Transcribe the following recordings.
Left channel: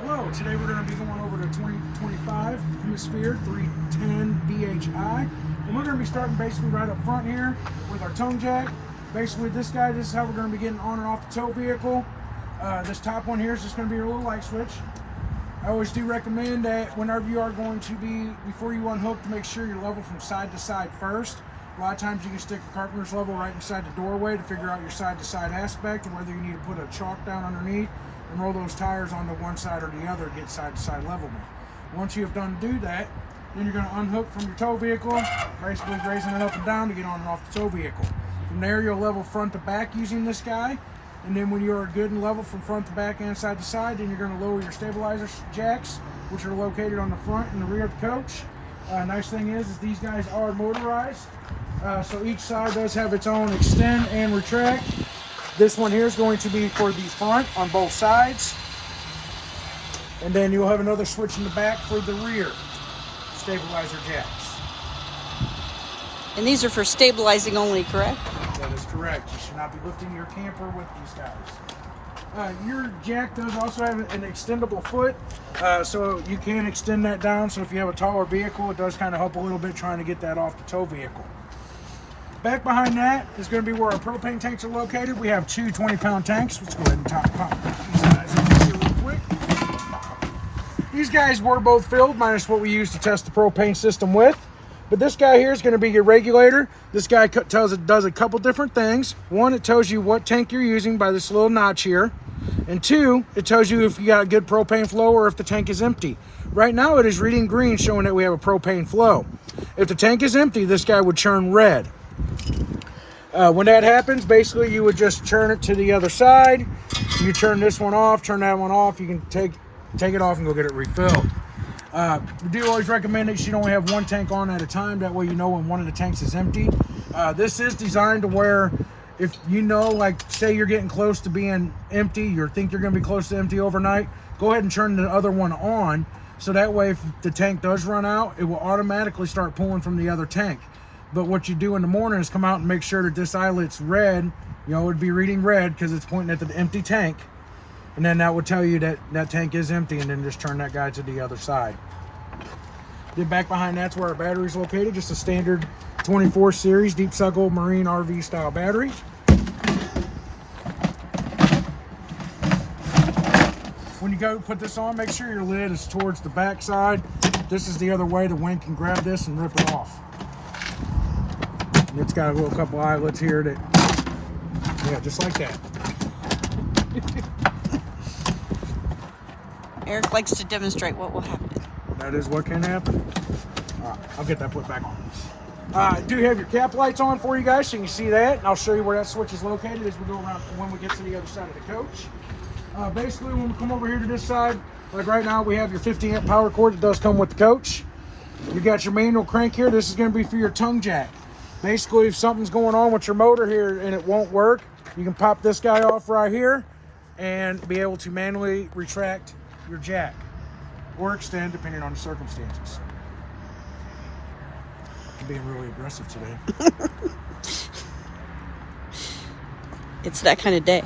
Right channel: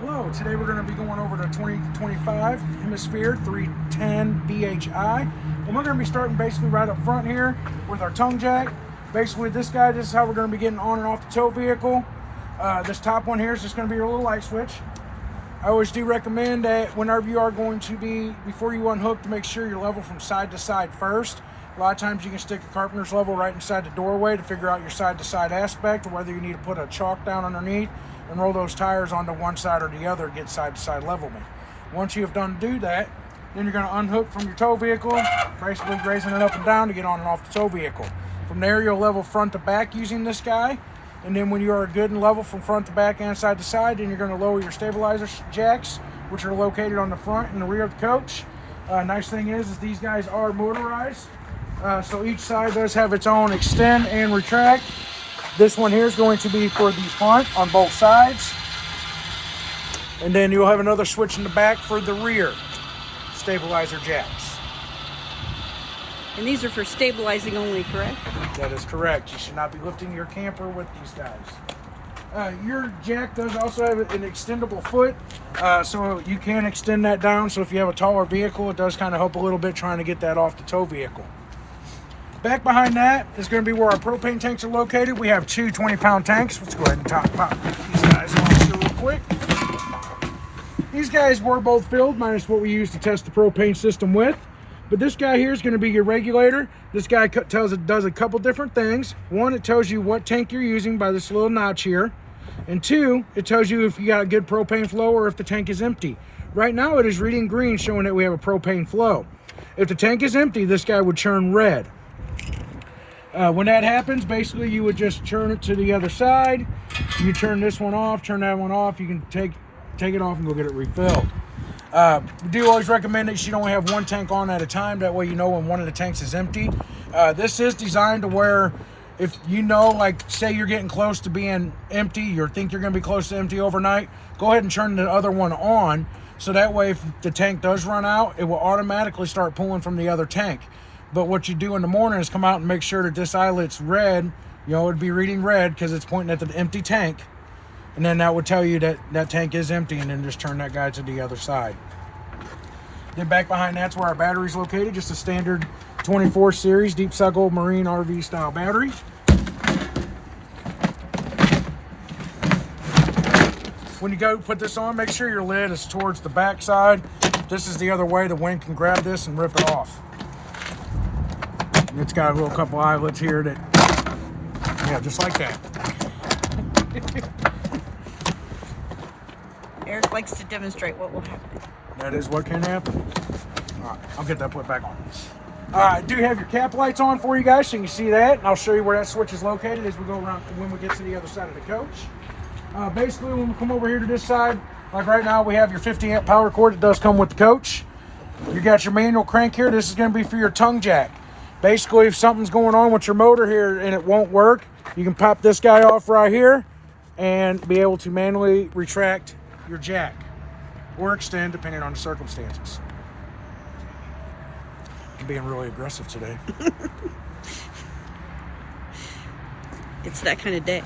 Hello, today we're going to be going over the 2025 Hemisphere 310 BHI. And we're going to be starting basically right up front here with our tongue jack. Basically this guy, this is how we're going to be getting on and off the tow vehicle. This top one here is just going to be your little light switch. I always do recommend that whenever you are going to be, before you unhook, to make sure you're level from side to side first. A lot of times you can stick a carpenter's level right inside the doorway to figure out your side to side aspect, or whether you need to put a chalk down underneath and roll those tires onto one side or the other to get side to side levelment. Once you have done do that, then you're going to unhook from your tow vehicle, basically raising it up and down to get on and off the tow vehicle. From there you'll level front to back using this guy, and then when you are good and level from front to back and side to side, then you're going to lower your stabilizer jacks, which are located on the front and the rear of the coach. Nice thing is these guys are motorized, so each side does have its own extend and retract. This one here is going to be for the front on both sides. And then you'll have another switch in the back for the rear stabilizer jacks. And these are for stabilizing only, correct? That is correct. You should not be lifting your camper with these guys. Your jack does also have an extendable foot, so you can extend that down. So if you have a taller vehicle, it does kind of help a little bit trying to get that off the tow vehicle. Back behind that is going to be where our propane tanks are located. We have two 20-pound tanks. Let's go ahead and pop these guys on here real quick. These guys were both filled, minus what we use to test the propane system with. But this guy here is going to be your regulator. This guy does a couple different things. One, it tells you what tank you're using by this little notch here. And two, it tells you if you got good propane flow or if the tank is empty. Right now it is reading green, showing that we have a propane flow. If the tank is empty, this guy would turn red. When that happens, basically you would just turn it to the other side. You turn this one off, turn that one off. You can take it off and go get it refilled. We do always recommend that you should only have one tank on at a time. That way you know when one of the tanks is empty. This is designed to where if you know, like say you're getting close to being empty, or think you're going to be close to empty overnight, go ahead and turn the other one on. So that way if the tank does run out, it will automatically start pulling from the other tank. But what you do in the morning is come out and make sure that this eyelet's red. You know, it'd be reading red because it's pointing at the empty tank. And then that would tell you that that tank is empty, and then just turn that guy to the other side. Then back behind that's where our battery is located. Just a standard 24 series deep cycle marine RV style battery. When you go put this on, make sure your lid is towards the back side. This is the other way. The wind can grab this and rip it off. It's got a little couple eyelets here that, yeah, just like that. Eric likes to demonstrate what will happen. That is what can happen. All right, I'll get that put back on. I do have your cap lights on for you guys, so you can see that, and I'll show you where that switch is located as we go around when we get to the other side of the coach. Basically, when we come over here to this side, like right now, we have your 50 amp power cord that does come with the coach. You got your manual crank here. This is going to be for your tongue jack. Basically, if something's going on with your motor here and it won't work, you can pop this guy off right here and be able to manually retract your jack or extend depending on the circumstances. I'm being really aggressive today. It's that kind of day.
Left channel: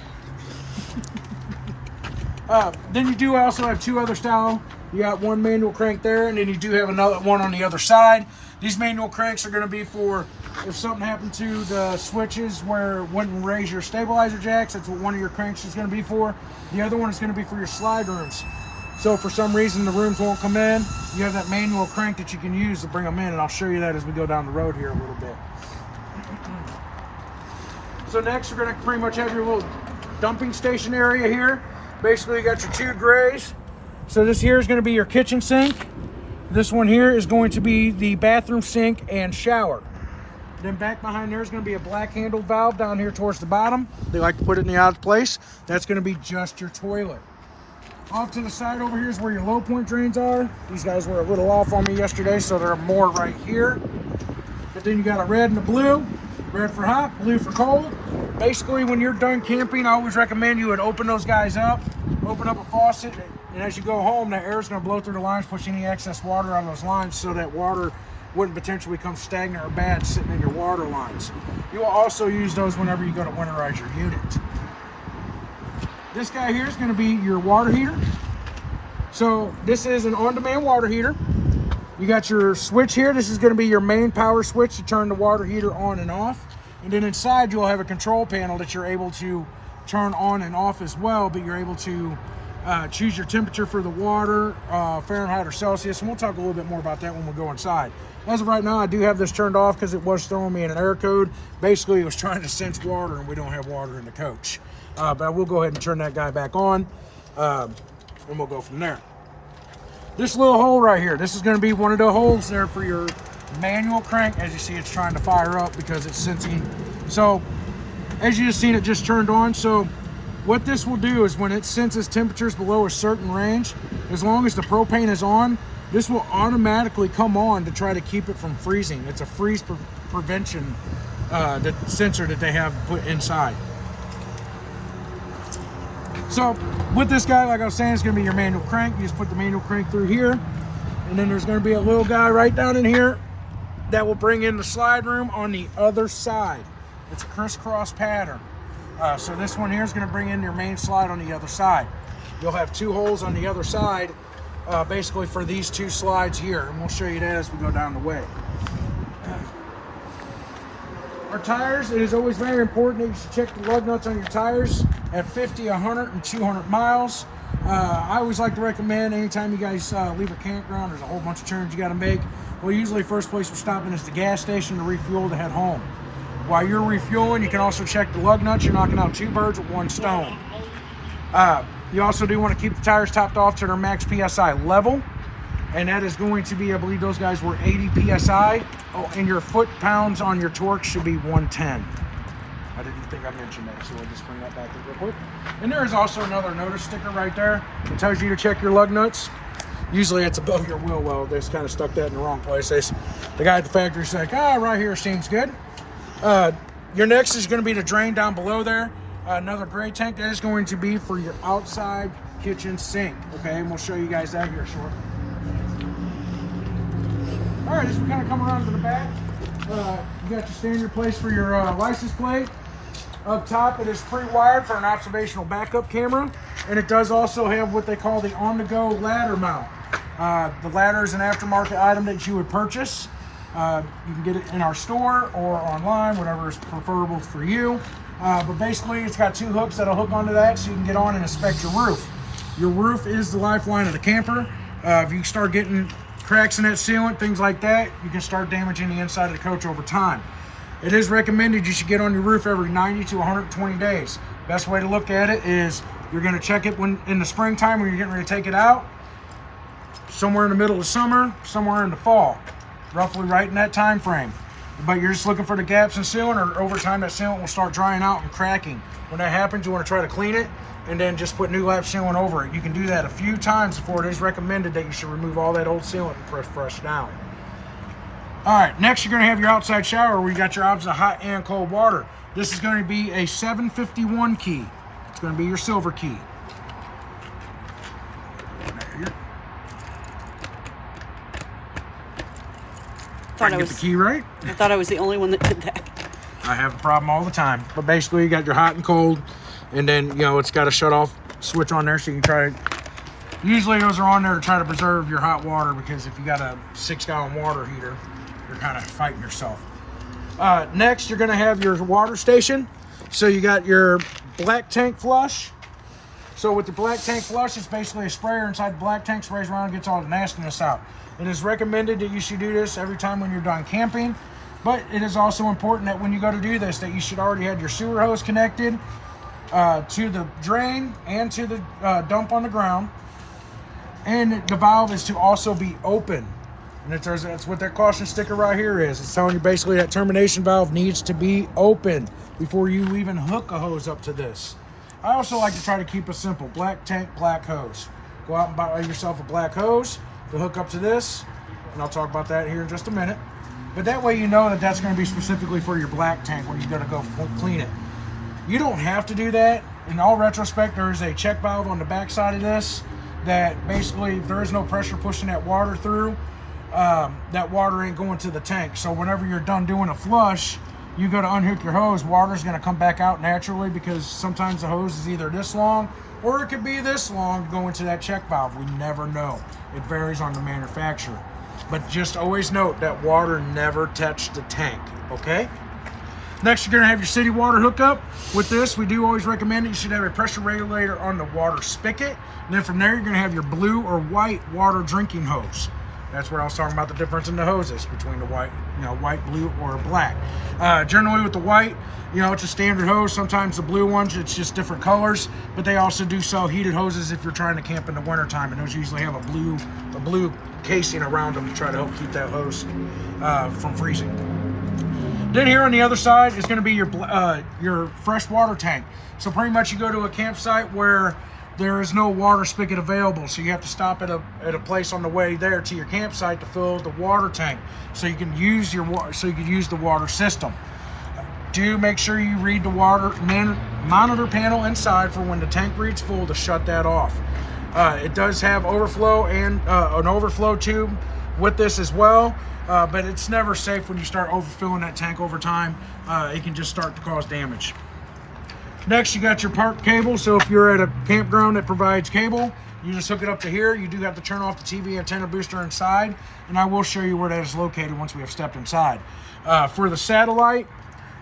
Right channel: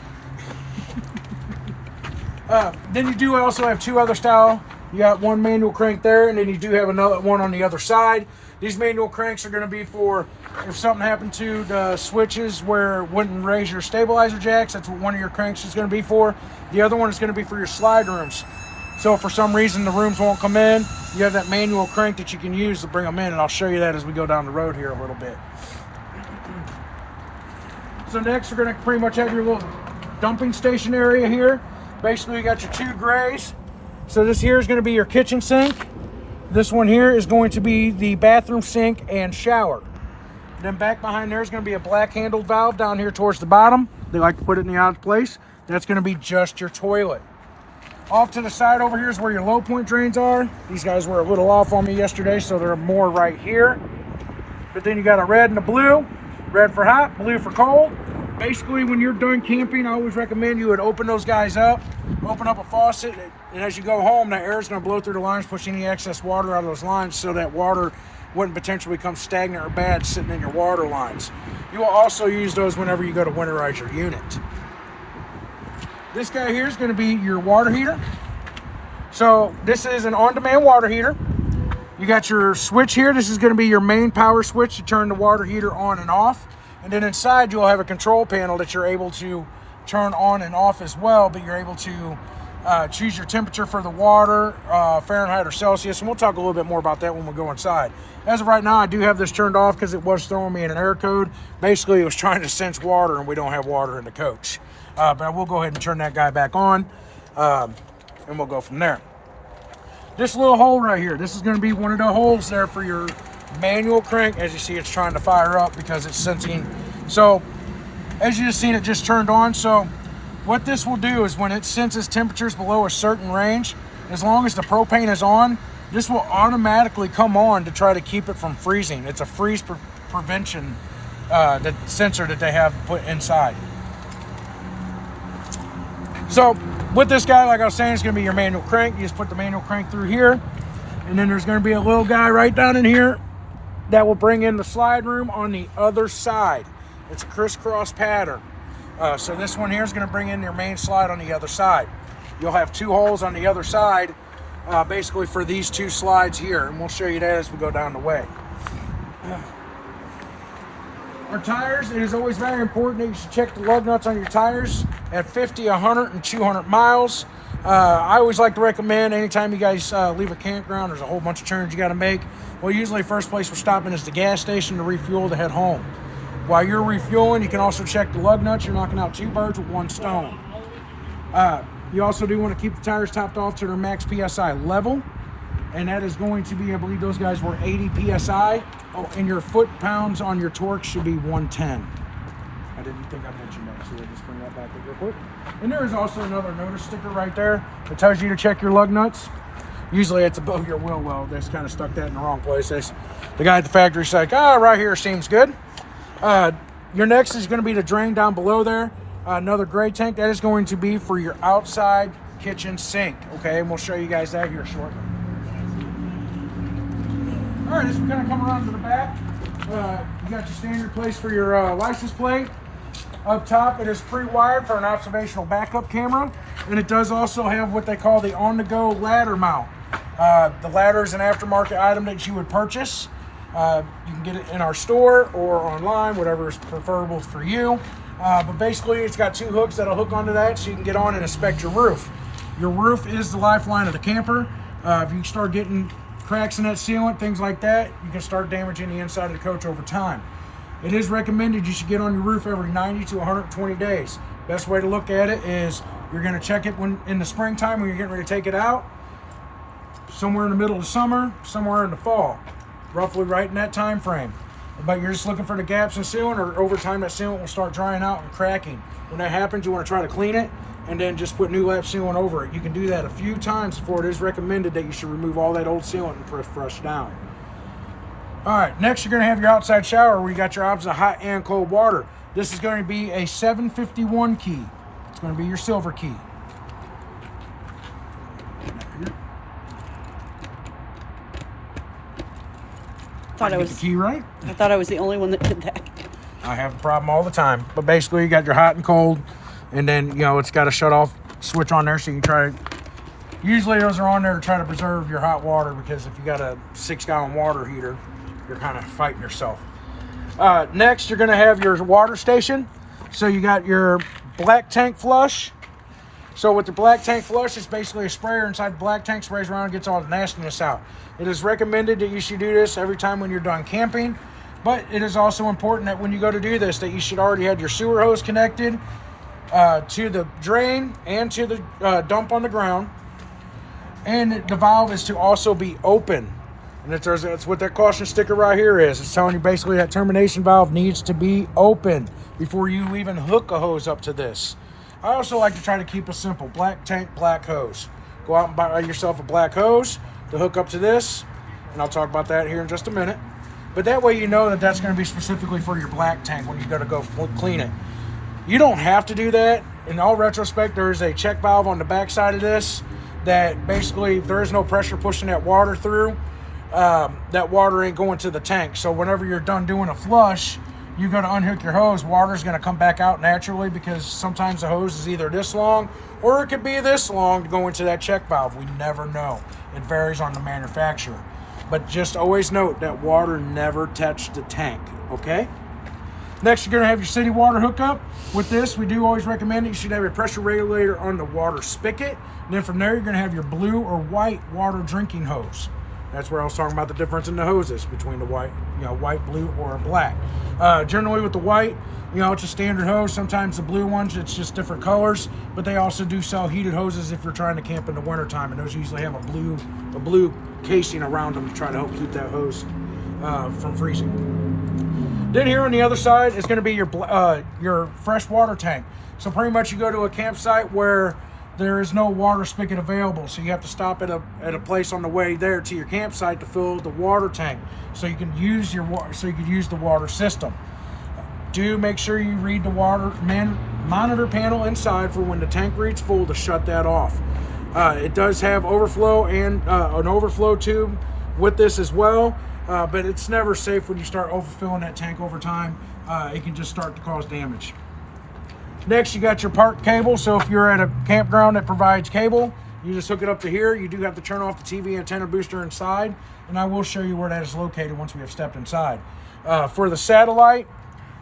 Then you do also have two other style. You got one manual crank there, and then you do have another one on the other side. These manual cranks are going to be for if something happened to the switches where it wouldn't raise your stabilizer jacks. That's what one of your cranks is going to be for. The other one is going to be for your slide rooms. So if for some reason the rooms won't come in, you have that manual crank that you can use to bring them in, and I'll show you that as we go down the road here a little bit. So next we're going to pretty much have your little dumping station area here. Basically you got your two grays. So this here is going to be your kitchen sink. This one here is going to be the bathroom sink and shower. Then back behind there is going to be a black handled valve down here towards the bottom. They like to put it in the odd place. That's going to be just your toilet. Off to the side over here is where your low point drains are. These guys were a little off on me yesterday, so there are more right here. But then you got a red and a blue. Red for hot, blue for cold. Basically, when you're done camping, I always recommend you would open those guys up, open up a faucet, and as you go home, that air is going to blow through the lines, push any excess water out of those lines so that water wouldn't potentially become stagnant or bad sitting in your water lines. You will also use those whenever you go to winterize your unit. This guy here is going to be your water heater. So this is an on-demand water heater. You got your switch here. This is going to be your main power switch to turn the water heater on and off. And then inside you'll have a control panel that you're able to turn on and off as well, but you're able to choose your temperature for the water, Fahrenheit or Celsius, and we'll talk a little bit more about that when we go inside. As of right now, I do have this turned off because it was throwing me an error code. Basically, it was trying to sense water, and we don't have water in the coach. But I will go ahead and turn that guy back on, and we'll go from there. This little hole right here, this is going to be one of the holes there for your manual crank. As you see, it's trying to fire up because it's sensing. So, as you just seen, it just turned on. So, what this will do is when it senses temperatures below a certain range, as long as the propane is on, this will automatically come on to try to keep it from freezing. It's a freeze prevention that sensor that they have put inside. So with this guy, like I was saying, it's going to be your manual crank. You just put the manual crank through here, and then there's going to be a little guy right down in here that will bring in the slide room on the other side. It's a crisscross pattern. So this one here is going to bring in your main slide on the other side. You'll have two holes on the other side, basically for these two slides here, and we'll show you that as we go down the way. Our tires, it is always very important that you should check the lug nuts on your tires at 50, 100, and 200 miles. I always like to recommend anytime you guys leave a campground, there's a whole bunch of turns you got to make. Well, usually first place we're stopping is the gas station to refuel to head home. While you're refueling, you can also check the lug nuts. You're knocking out two birds with one stone. You also do want to keep the tires topped off to their max PSI level. And that is going to be, I believe those guys were 80 PSI. Oh, and your foot-pounds on your torque should be 110. I didn't think I mentioned that, so we'll just bring that back up real quick. And there is also another notice sticker right there that tells you to check your lug nuts. Usually it's above your wheel well. They just kind of stuck that in the wrong place. The guy at the factory's like, right here seems good. Your next is going to be the drain down below there. Another gray tank. That is going to be for your outside kitchen sink. Okay, and we'll show you guys that here shortly. All right, as we kind of come around to the back, you got your standard place for your license plate. Up top, it is pre-wired for an observational backup camera, and it does also have what they call the on-the-go ladder mount. The ladder is an aftermarket item that you would purchase. You can get it in our store or online, whatever is preferable for you. But basically, it's got two hooks that'll hook onto that so you can get on and inspect your roof. Your roof is the lifeline of the camper. If you start getting cracks in that sealant, things like that, you can start damaging the inside of the coach over time. It is recommended you should get on your roof every 90 to 120 days. Best way to look at it is you're going to check it when in the springtime when you're getting ready to take it out, somewhere in the middle of summer, somewhere in the fall, roughly right in that time frame. But you're just looking for the gaps in sealant, or over time that sealant will start drying out and cracking. When that happens, you want to try to clean it and then just put new lap sealant over it. You can do that a few times before it is recommended that you should remove all that old sealant and press fresh down. All right, next you're going to have your outside shower where you got your options of hot and cold water. This is going to be a 751 key. It's going to be your silver key. Get the key right. I thought I was the only one that did that. I have a problem all the time. But basically, you got your hot and cold, and then it's got a shut off switch on there, so you can try to. Usually, those are on there to try to preserve your hot water, because if you got a 6-gallon water heater, you're kind of fighting yourself. Next, you're going to have your water station. So you got your black tank flush. So with the black tank flush, it's basically a sprayer inside the black tank, sprays around and gets all the nastiness out. It is recommended that you should do this every time when you're done camping, but it is also important that when you go to do this, that you should already have your sewer hose connected to the drain and to the dump on the ground. And the valve is to also be open. And that's what that caution sticker right here is. It's telling you basically that termination valve needs to be open before you even hook a hose up to this. I also like to try to keep it simple. Black tank, black hose. Go out and buy yourself a black hose to hook up to this, and I'll talk about that here in just a minute. But that way you know that that's going to be specifically for your black tank when you go to go clean it. You don't have to do that. In all retrospect, there is a check valve on the back side of this that basically, if there is no pressure pushing that water through, that water ain't going to the tank. So whenever you're done doing a flush, you go to unhook your hose, water's going to come back out naturally because sometimes the hose is either this long or it could be this long to go into that check valve. We never know. It varies on the manufacturer. But just always note that water never touched the tank, okay? Next, you're going to have your city water hookup. With this, we do always recommend it. You should have a pressure regulator on the water spigot. And then from there, you're going to have your blue or white water drinking hose. That's where I was talking about the difference in the hoses between the white, white, blue, or black. Generally with the white, it's a standard hose. Sometimes the blue ones, it's just different colors, but they also do sell heated hoses if you're trying to camp in the wintertime, and those usually have a blue casing around them to try to help keep that hose from freezing. Then here on the other side is going to be your fresh water tank. So pretty much you go to a campsite where there is no water spigot available, so you have to stop at a place on the way there to your campsite to fill the water tank, so you can use the water system. Do make sure you read the water monitor panel inside for when the tank reads full to shut that off. It does have overflow and an overflow tube with this as well, but it's never safe when you start overfilling that tank over time. It can just start to cause damage. Next, you got your park cable. So if you're at a campground that provides cable, you just hook it up to here. You do have to turn off the TV antenna booster inside, and I will show you where that is located once we have stepped inside. For the satellite,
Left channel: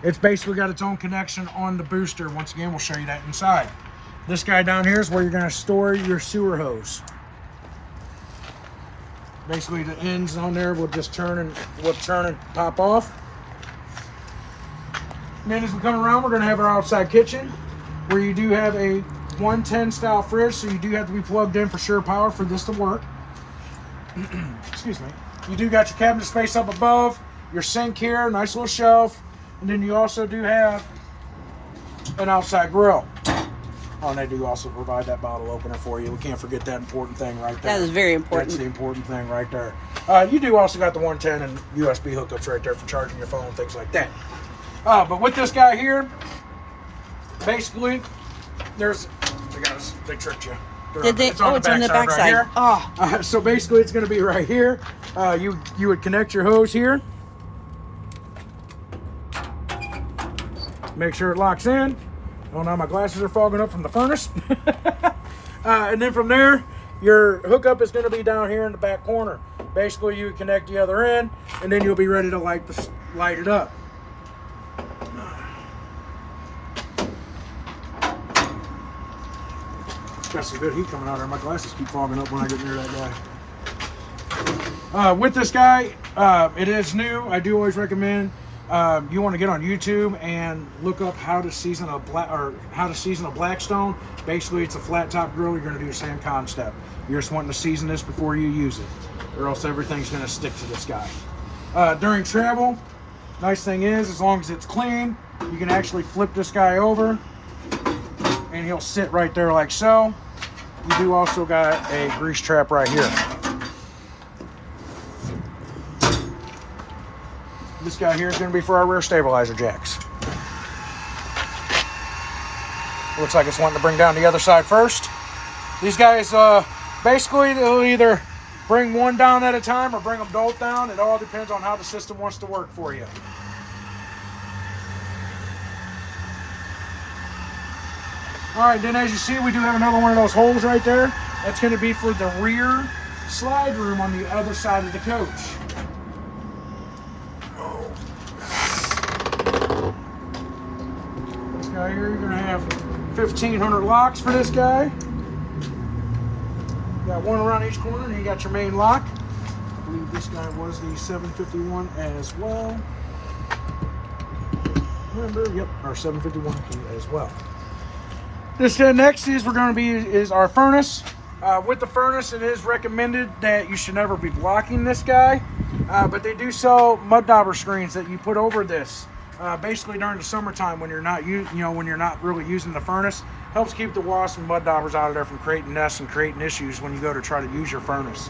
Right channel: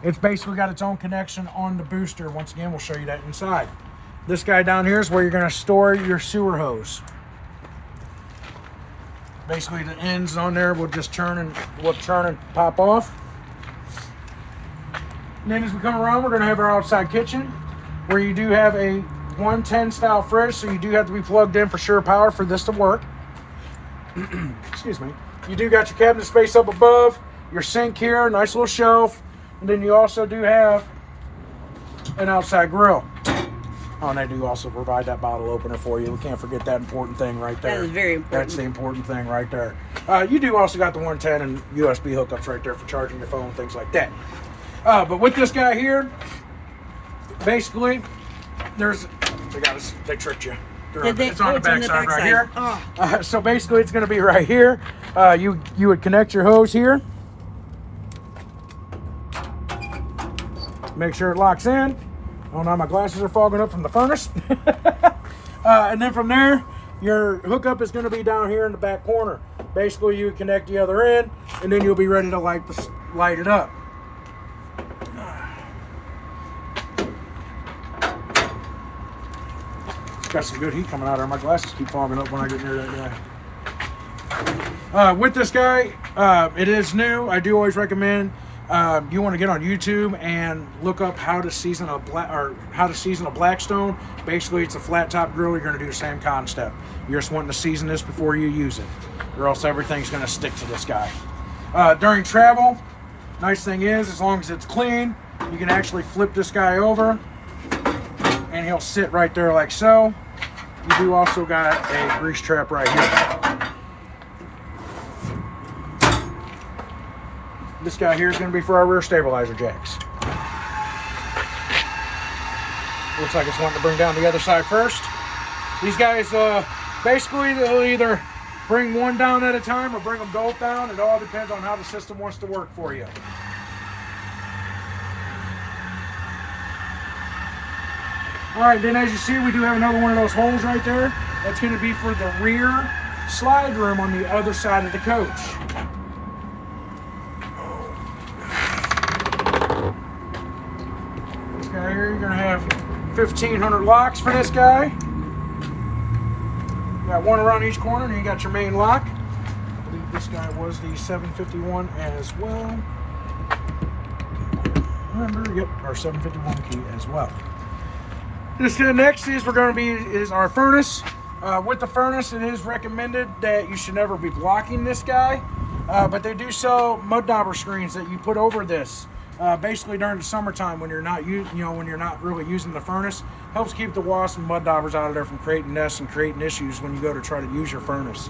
it's basically got its own connection on the booster. Once again, we'll show you that inside. This guy down here is where you're going to store your sewer hose. Basically, the ends on there will just turn and pop off. And then as we come around, we're going to have our outside kitchen, where you do have a 110 style fridge, so you do have to be plugged in for sure power for this to work. Excuse me. You do got your cabinet space up above, your sink here, nice little shelf, and then you also do have an outside grill. Oh, and they do also provide that bottle opener for you. We can't forget that important thing right there. That is very important. That's the important thing right there. You do also got the 110 and USB hookups right there for charging your phone, things like that. But with this guy here, basically, they tricked you. Did they? It's on the back side. Right so basically, it's going to be right here. You would connect your hose here. Make sure it locks in. Oh, now my glasses are fogging up from the furnace. And then from there, your hookup is going to be down here in the back corner. Basically, you would connect the other end, and then you'll be ready to light it up. It's got some good heat coming out there. My glasses keep fogging up when I get near that guy. With this guy, it is new. I do always recommend you want to get on YouTube and look up how to season a Blackstone. Basically, it's a flat top grill. You're going to do the same concept. You're just wanting to season this before you use it, or else everything's going to stick to this guy. During travel, nice thing is, as long as it's clean, you can actually flip this guy over, and he'll sit right there like so. You do also got a grease trap right here. This guy here is going to be for our rear stabilizer jacks. Looks like it's wanting to bring down the other side first. These guys, basically, they'll either bring one down at a time or bring them both down. It all depends on how the system wants to work for you. All right, then as you see, we do have another one of those holes right there. That's going to be for the rear slide room on the other side of the coach. This guy here, you're going to have 1,500 locks for this guy. You got one around each corner, and you got your main lock. I believe this guy was the 751 as well. Remember, yep, our 751 key as well. This next is our furnace. With the furnace, it is recommended that you should never be blocking this guy, but they do sell mud dauber screens that you put over this. Basically during the summertime when you're not really using the furnace, helps keep the wasps and mud daubers out of there from creating nests and creating issues when you go to try to use your furnace.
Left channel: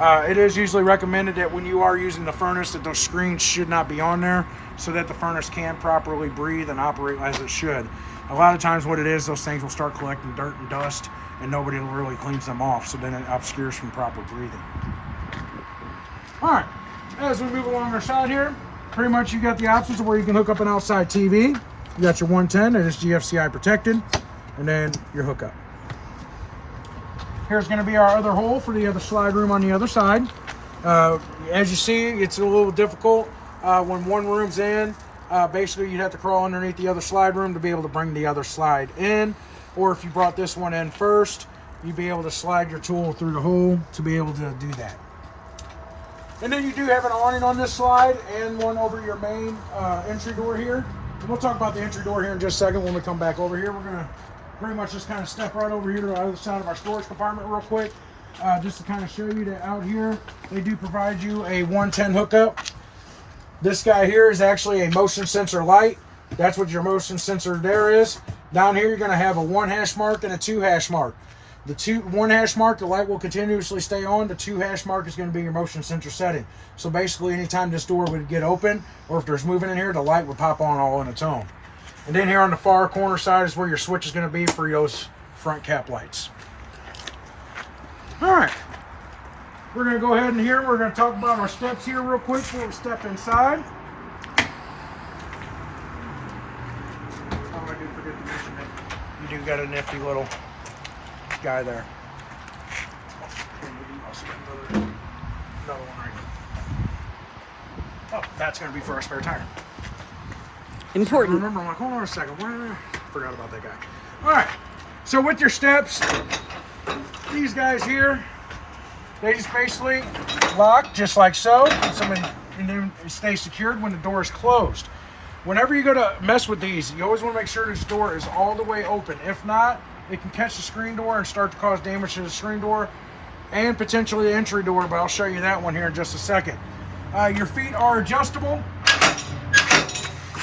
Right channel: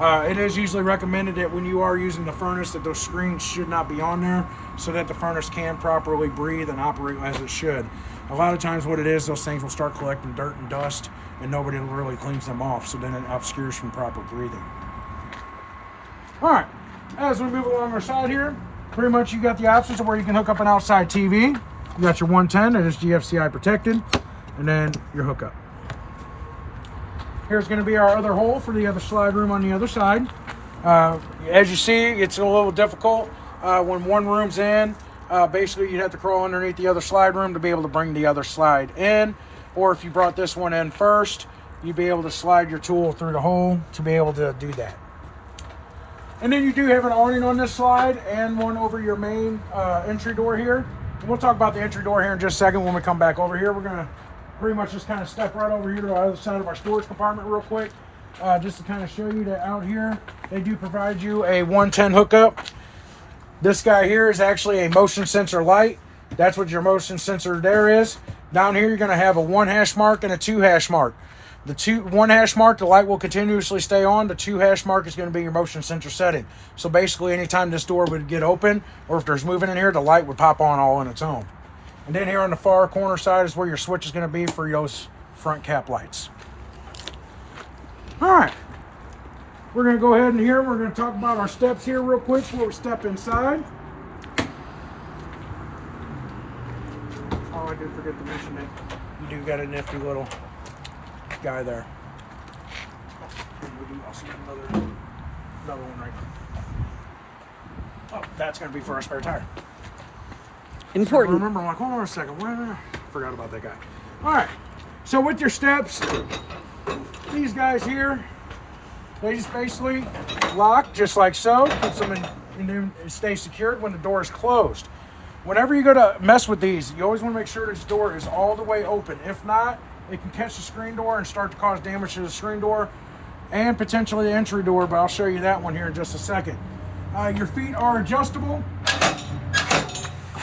It is usually recommended that when you are using the furnace that those screens should not be on there so that the furnace can properly breathe and operate as it should. A lot of times what it is, those things will start collecting dirt and dust and nobody really cleans them off, so then it obscures from proper breathing. All right, as we move along our side here, pretty much you got the options of where you can hook up an outside TV. You got your 110 that is GFCI protected, and then your hookup. Here's going to be our other hole for the other slide room on the other side. As you see, it's a little difficult when one room's in. Basically, you'd have to crawl underneath the other slide room to be able to bring the other slide in. Or if you brought this one in first, you'd be able to slide your tool through the hole to be able to do that. And then you do have an awning on this slide and one over your main entry door here. And we'll talk about the entry door here in just a second when we come back over here. We're going to pretty much just kind of step right over here to the other side of our storage compartment real quick. Just to kind of show you that out here, they do provide you a 110 hookup. This guy here is actually a motion sensor light. That's what your motion sensor there is. Down here, you're going to have a 1 hash mark and a 2 hash mark. The 1 hash mark, the light will continuously stay on. The 2 hash mark is going to be your motion sensor setting. So basically, anytime this door would get open, or if there's movement in here, the light would pop on all on its own. And then here on the far corner side is where your switch is going to be for those front cap lights. All right, we're going to go ahead and here, we're going to talk about our steps here real quick before we step inside. Oh, I did forget to mention that you do got a nifty little guy there. We do also got another one right here. Oh, that's going to be for our spare tire. Important. Remember, I'm like, hold on a second. Where? Forgot about that guy. All right. So with your steps, these guys here, they just basically lock just like so. Keeps them in, and then stay secured when the door is closed. Whenever you go to mess with these, you always want to make sure this door is all the way open. If not, it can catch the screen door and start to cause damage to the screen door and potentially the entry door, but I'll show you that one here in just a second. Your feet are adjustable.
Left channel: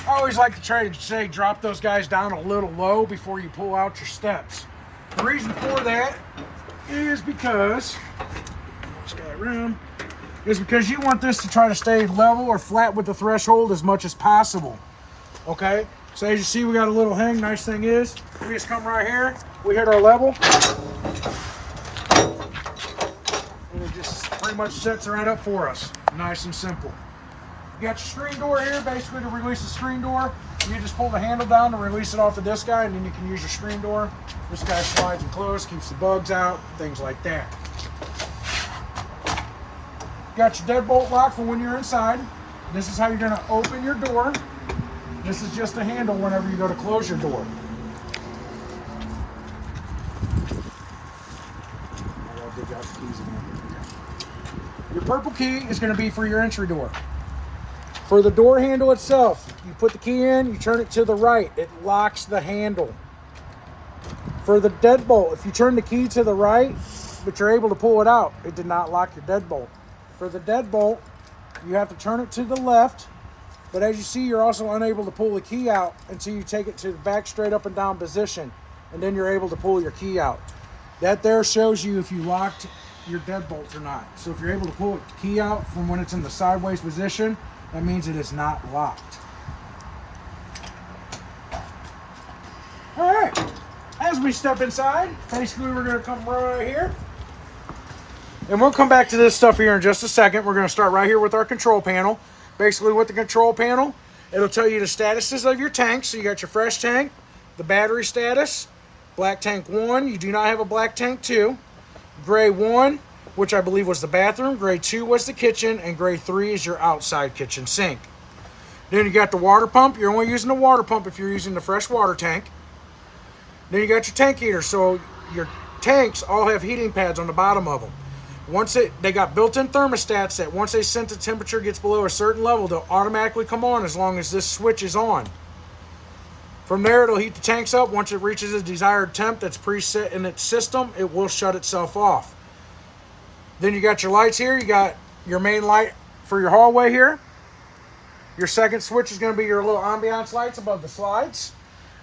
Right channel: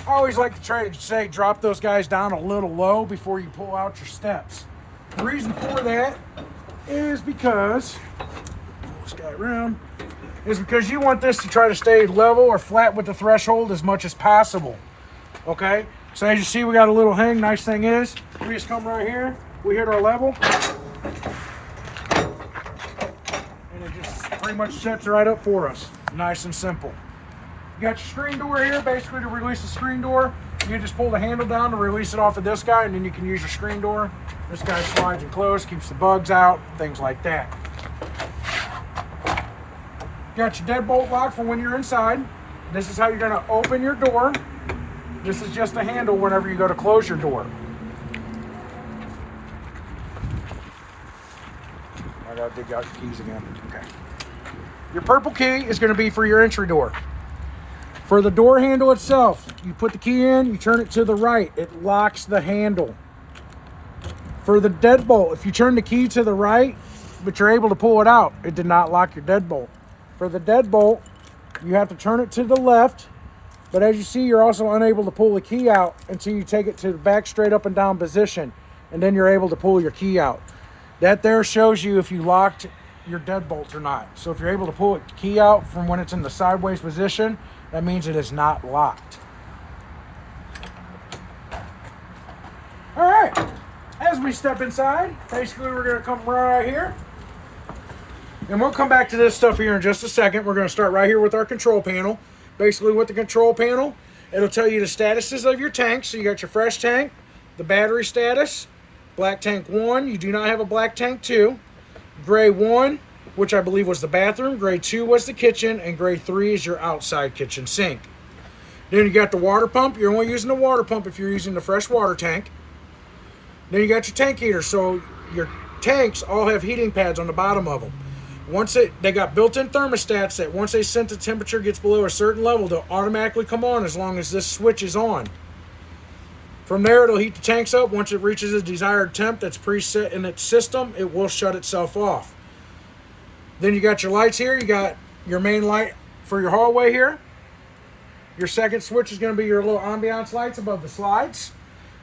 I always like to try to say drop those guys down a little low before you pull out your steps. The reason for that is because you want this to try to stay level or flat with the threshold as much as possible. Okay, so as you see, we got a little hang. Nice thing is, we just come right here, we hit our level, and it just pretty much sets right up for us. Nice and simple. You got your screen door here. Basically, to release the screen door, you just pull the handle down to release it off of this guy, and then you can use your screen door. This guy slides and closes, keeps the bugs out, things like that. Got your deadbolt lock for when you're inside. This is how you're going to open your door. This is just a handle whenever you go to close your door. I got to dig out your keys again. Okay. Your purple key is going to be for your entry door. For the door handle itself, you put the key in, you turn it to the right, it locks the handle. For the deadbolt, if you turn the key to the right, but you're able to pull it out, it did not lock your deadbolt. For the deadbolt, you have to turn it to the left, but as you see, you're also unable to pull the key out until you take it to the back straight up and down position, and then you're able to pull your key out. That there shows you if you locked your deadbolt or not. So if you're able to pull the key out from when it's in the sideways position, that means it is not locked. All right, as we step inside, basically we're gonna come right here. And we'll come back to this stuff here in just a second. We're gonna start right here with our control panel. Basically with the control panel, it'll tell you the statuses of your tanks. So you got your fresh tank, the battery status, black tank 1, you do not have a black tank 2, gray 1, which I believe was the bathroom, gray 2 was the kitchen, and gray 3 is your outside kitchen sink. Then you got the water pump. You're only using the water pump if you're using the fresh water tank. Then you got your tank heater. So your tanks all have heating pads on the bottom of them. They got built-in thermostats that once they sense the temperature gets below a certain level, they'll automatically come on as long as this switch is on. From there, it'll heat the tanks up. Once it reaches a desired temp that's preset in its system, it will shut itself off. Then you got your lights here. You got your main light for your hallway here. Your second switch is going to be your little ambiance lights above the slides.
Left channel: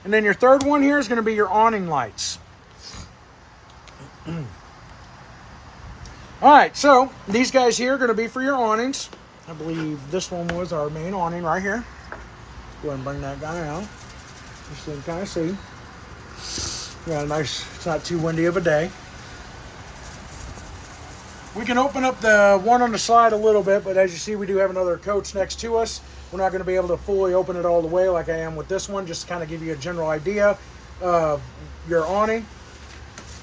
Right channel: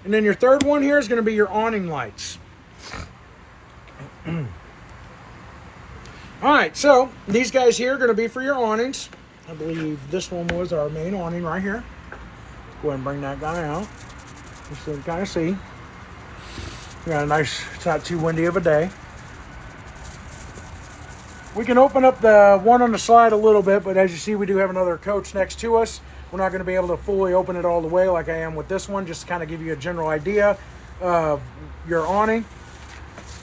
And then your third one here is going to be your awning lights. All right, so these guys here are going to be for your awnings. I believe this one was our main awning right here. Go ahead and bring that guy out. Just so you can kind of see. We got a nice, it's not too windy of a day. We can open up the one on the slide a little bit, but as you see, we do have another coach next to us. We're not going to be able to fully open it all the way like I am with this one, just to kind of give you a general idea of your awning.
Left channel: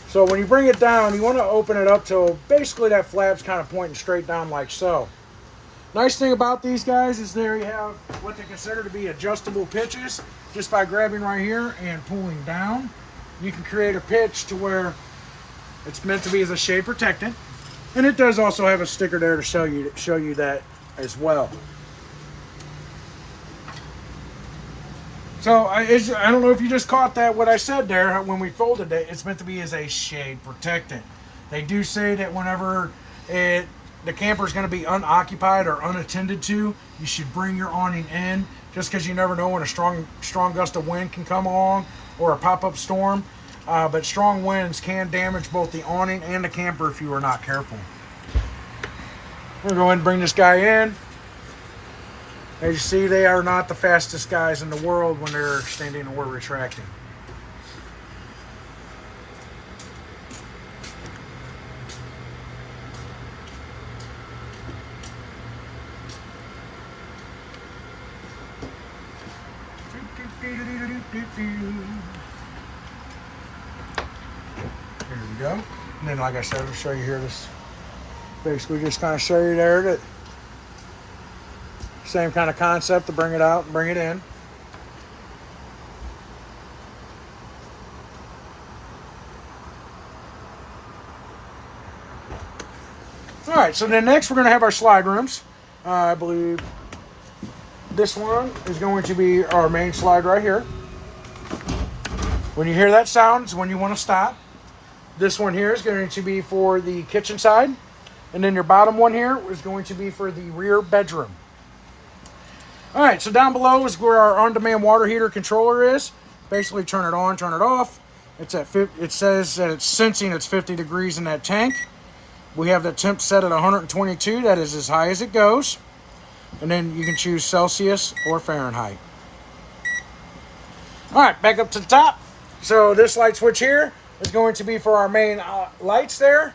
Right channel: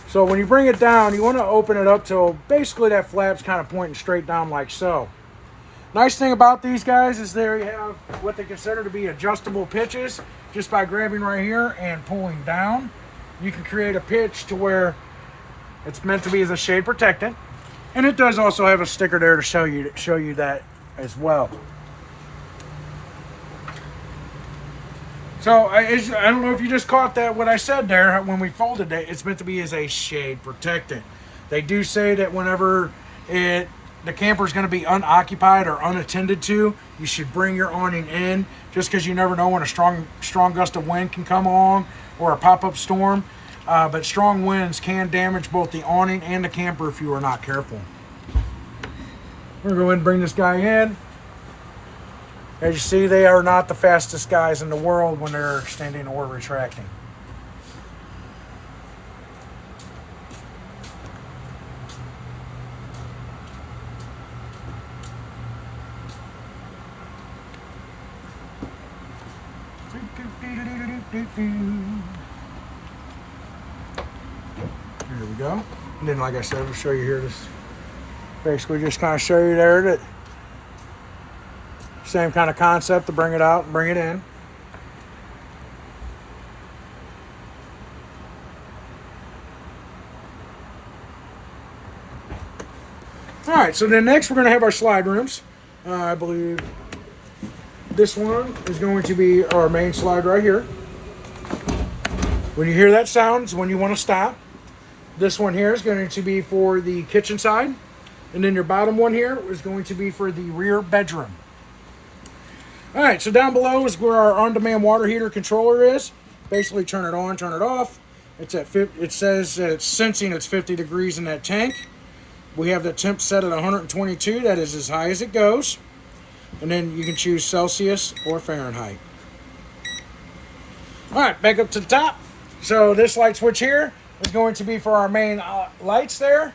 So when you bring it down, you want to open it up till basically that flap's kind of pointing straight down like so. Nice thing about these guys is there you have what they consider to be adjustable pitches. Just by grabbing right here and pulling down, you can create a pitch to where it's meant to be as a shade protectant. And it does also have a sticker there to show you that as well. So I don't know if you just caught that, what I said there when we folded it. It's meant to be as a shade protectant. They do say that whenever the camper is going to be unoccupied or unattended to, you should bring your awning in, just because you never know when a strong gust of wind can come along or a pop-up storm. But strong winds can damage both the awning and the camper if you are not careful. We're going to go ahead and bring this guy in. As you see, they are not the fastest guys in the world when they're extending or retracting. Here we go. And then, like I said, I'll show you here. This basically just kind of show you there that same kind of concept to bring it out and bring it in. All right, so then next we're going to have our slide rooms. I believe this one is going to be our main slide right here. When you hear that sound is when you want to stop. This one here is going to be for the kitchen side. And then your bottom one here is going to be for the rear bedroom. All right, so down below is where our on-demand water heater controller is. Basically turn it on, turn it off. It's at it says that it's sensing it's 50 degrees in that tank. We have the temp set at 122. That is as high as it goes. And then you can choose Celsius or Fahrenheit. All right, back up to the top. So this light switch here is going to be for our main lights there.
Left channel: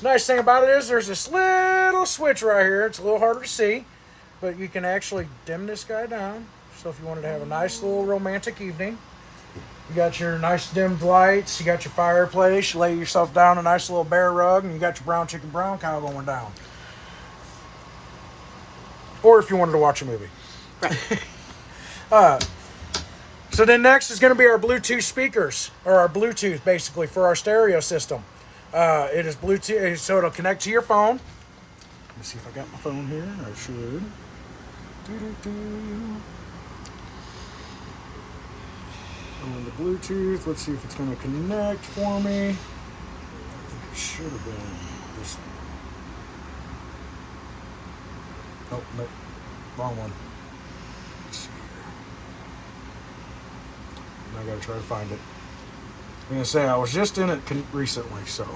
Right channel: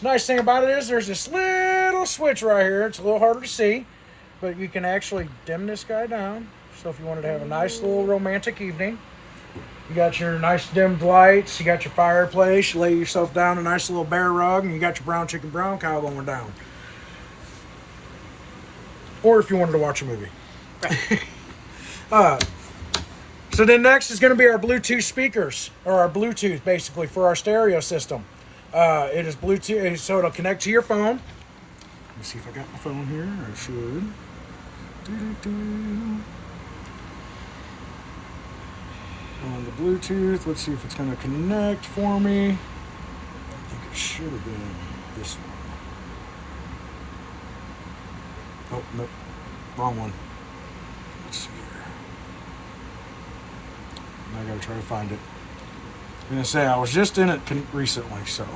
Nice thing about it is there's this little switch right here. It's a little harder to see, but you can actually dim this guy down. So if you wanted to have a nice little romantic evening, you got your nice dimmed lights, you got your fireplace, you lay yourself down a nice little bear rug, and you got your brown chicken brown cow going down. Or if you wanted to watch a movie. Right. So then next is going to be our Bluetooth speakers, or our Bluetooth basically for our stereo system. It is Bluetooth, so it'll connect to your phone. Let me see if I got my phone here. I should. On the Bluetooth, let's see if it's going to connect for me. I think it should have been this one. Oh, nope. Wrong one. Let's see here. I got to try to find it. I'm going to say I was just in it recently, so.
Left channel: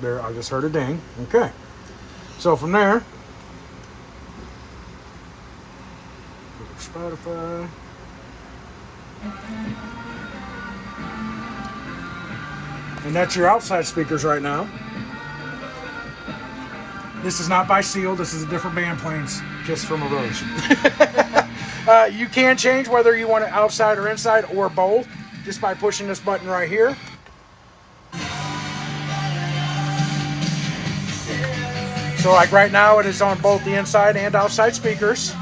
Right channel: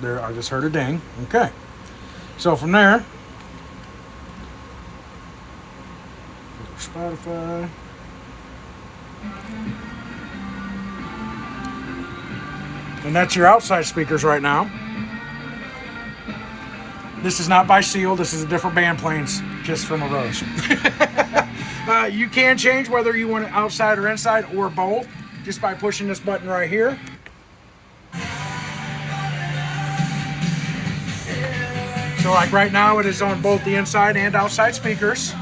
There, I just heard a ding. Okay. So from there, go to Spotify. And that's your outside speakers right now. This is not by Seal. This is a different band playing Kiss from a Rose. You can change whether you want it outside or inside or both just by pushing this button right here. So like right now it is on both the inside and outside speakers.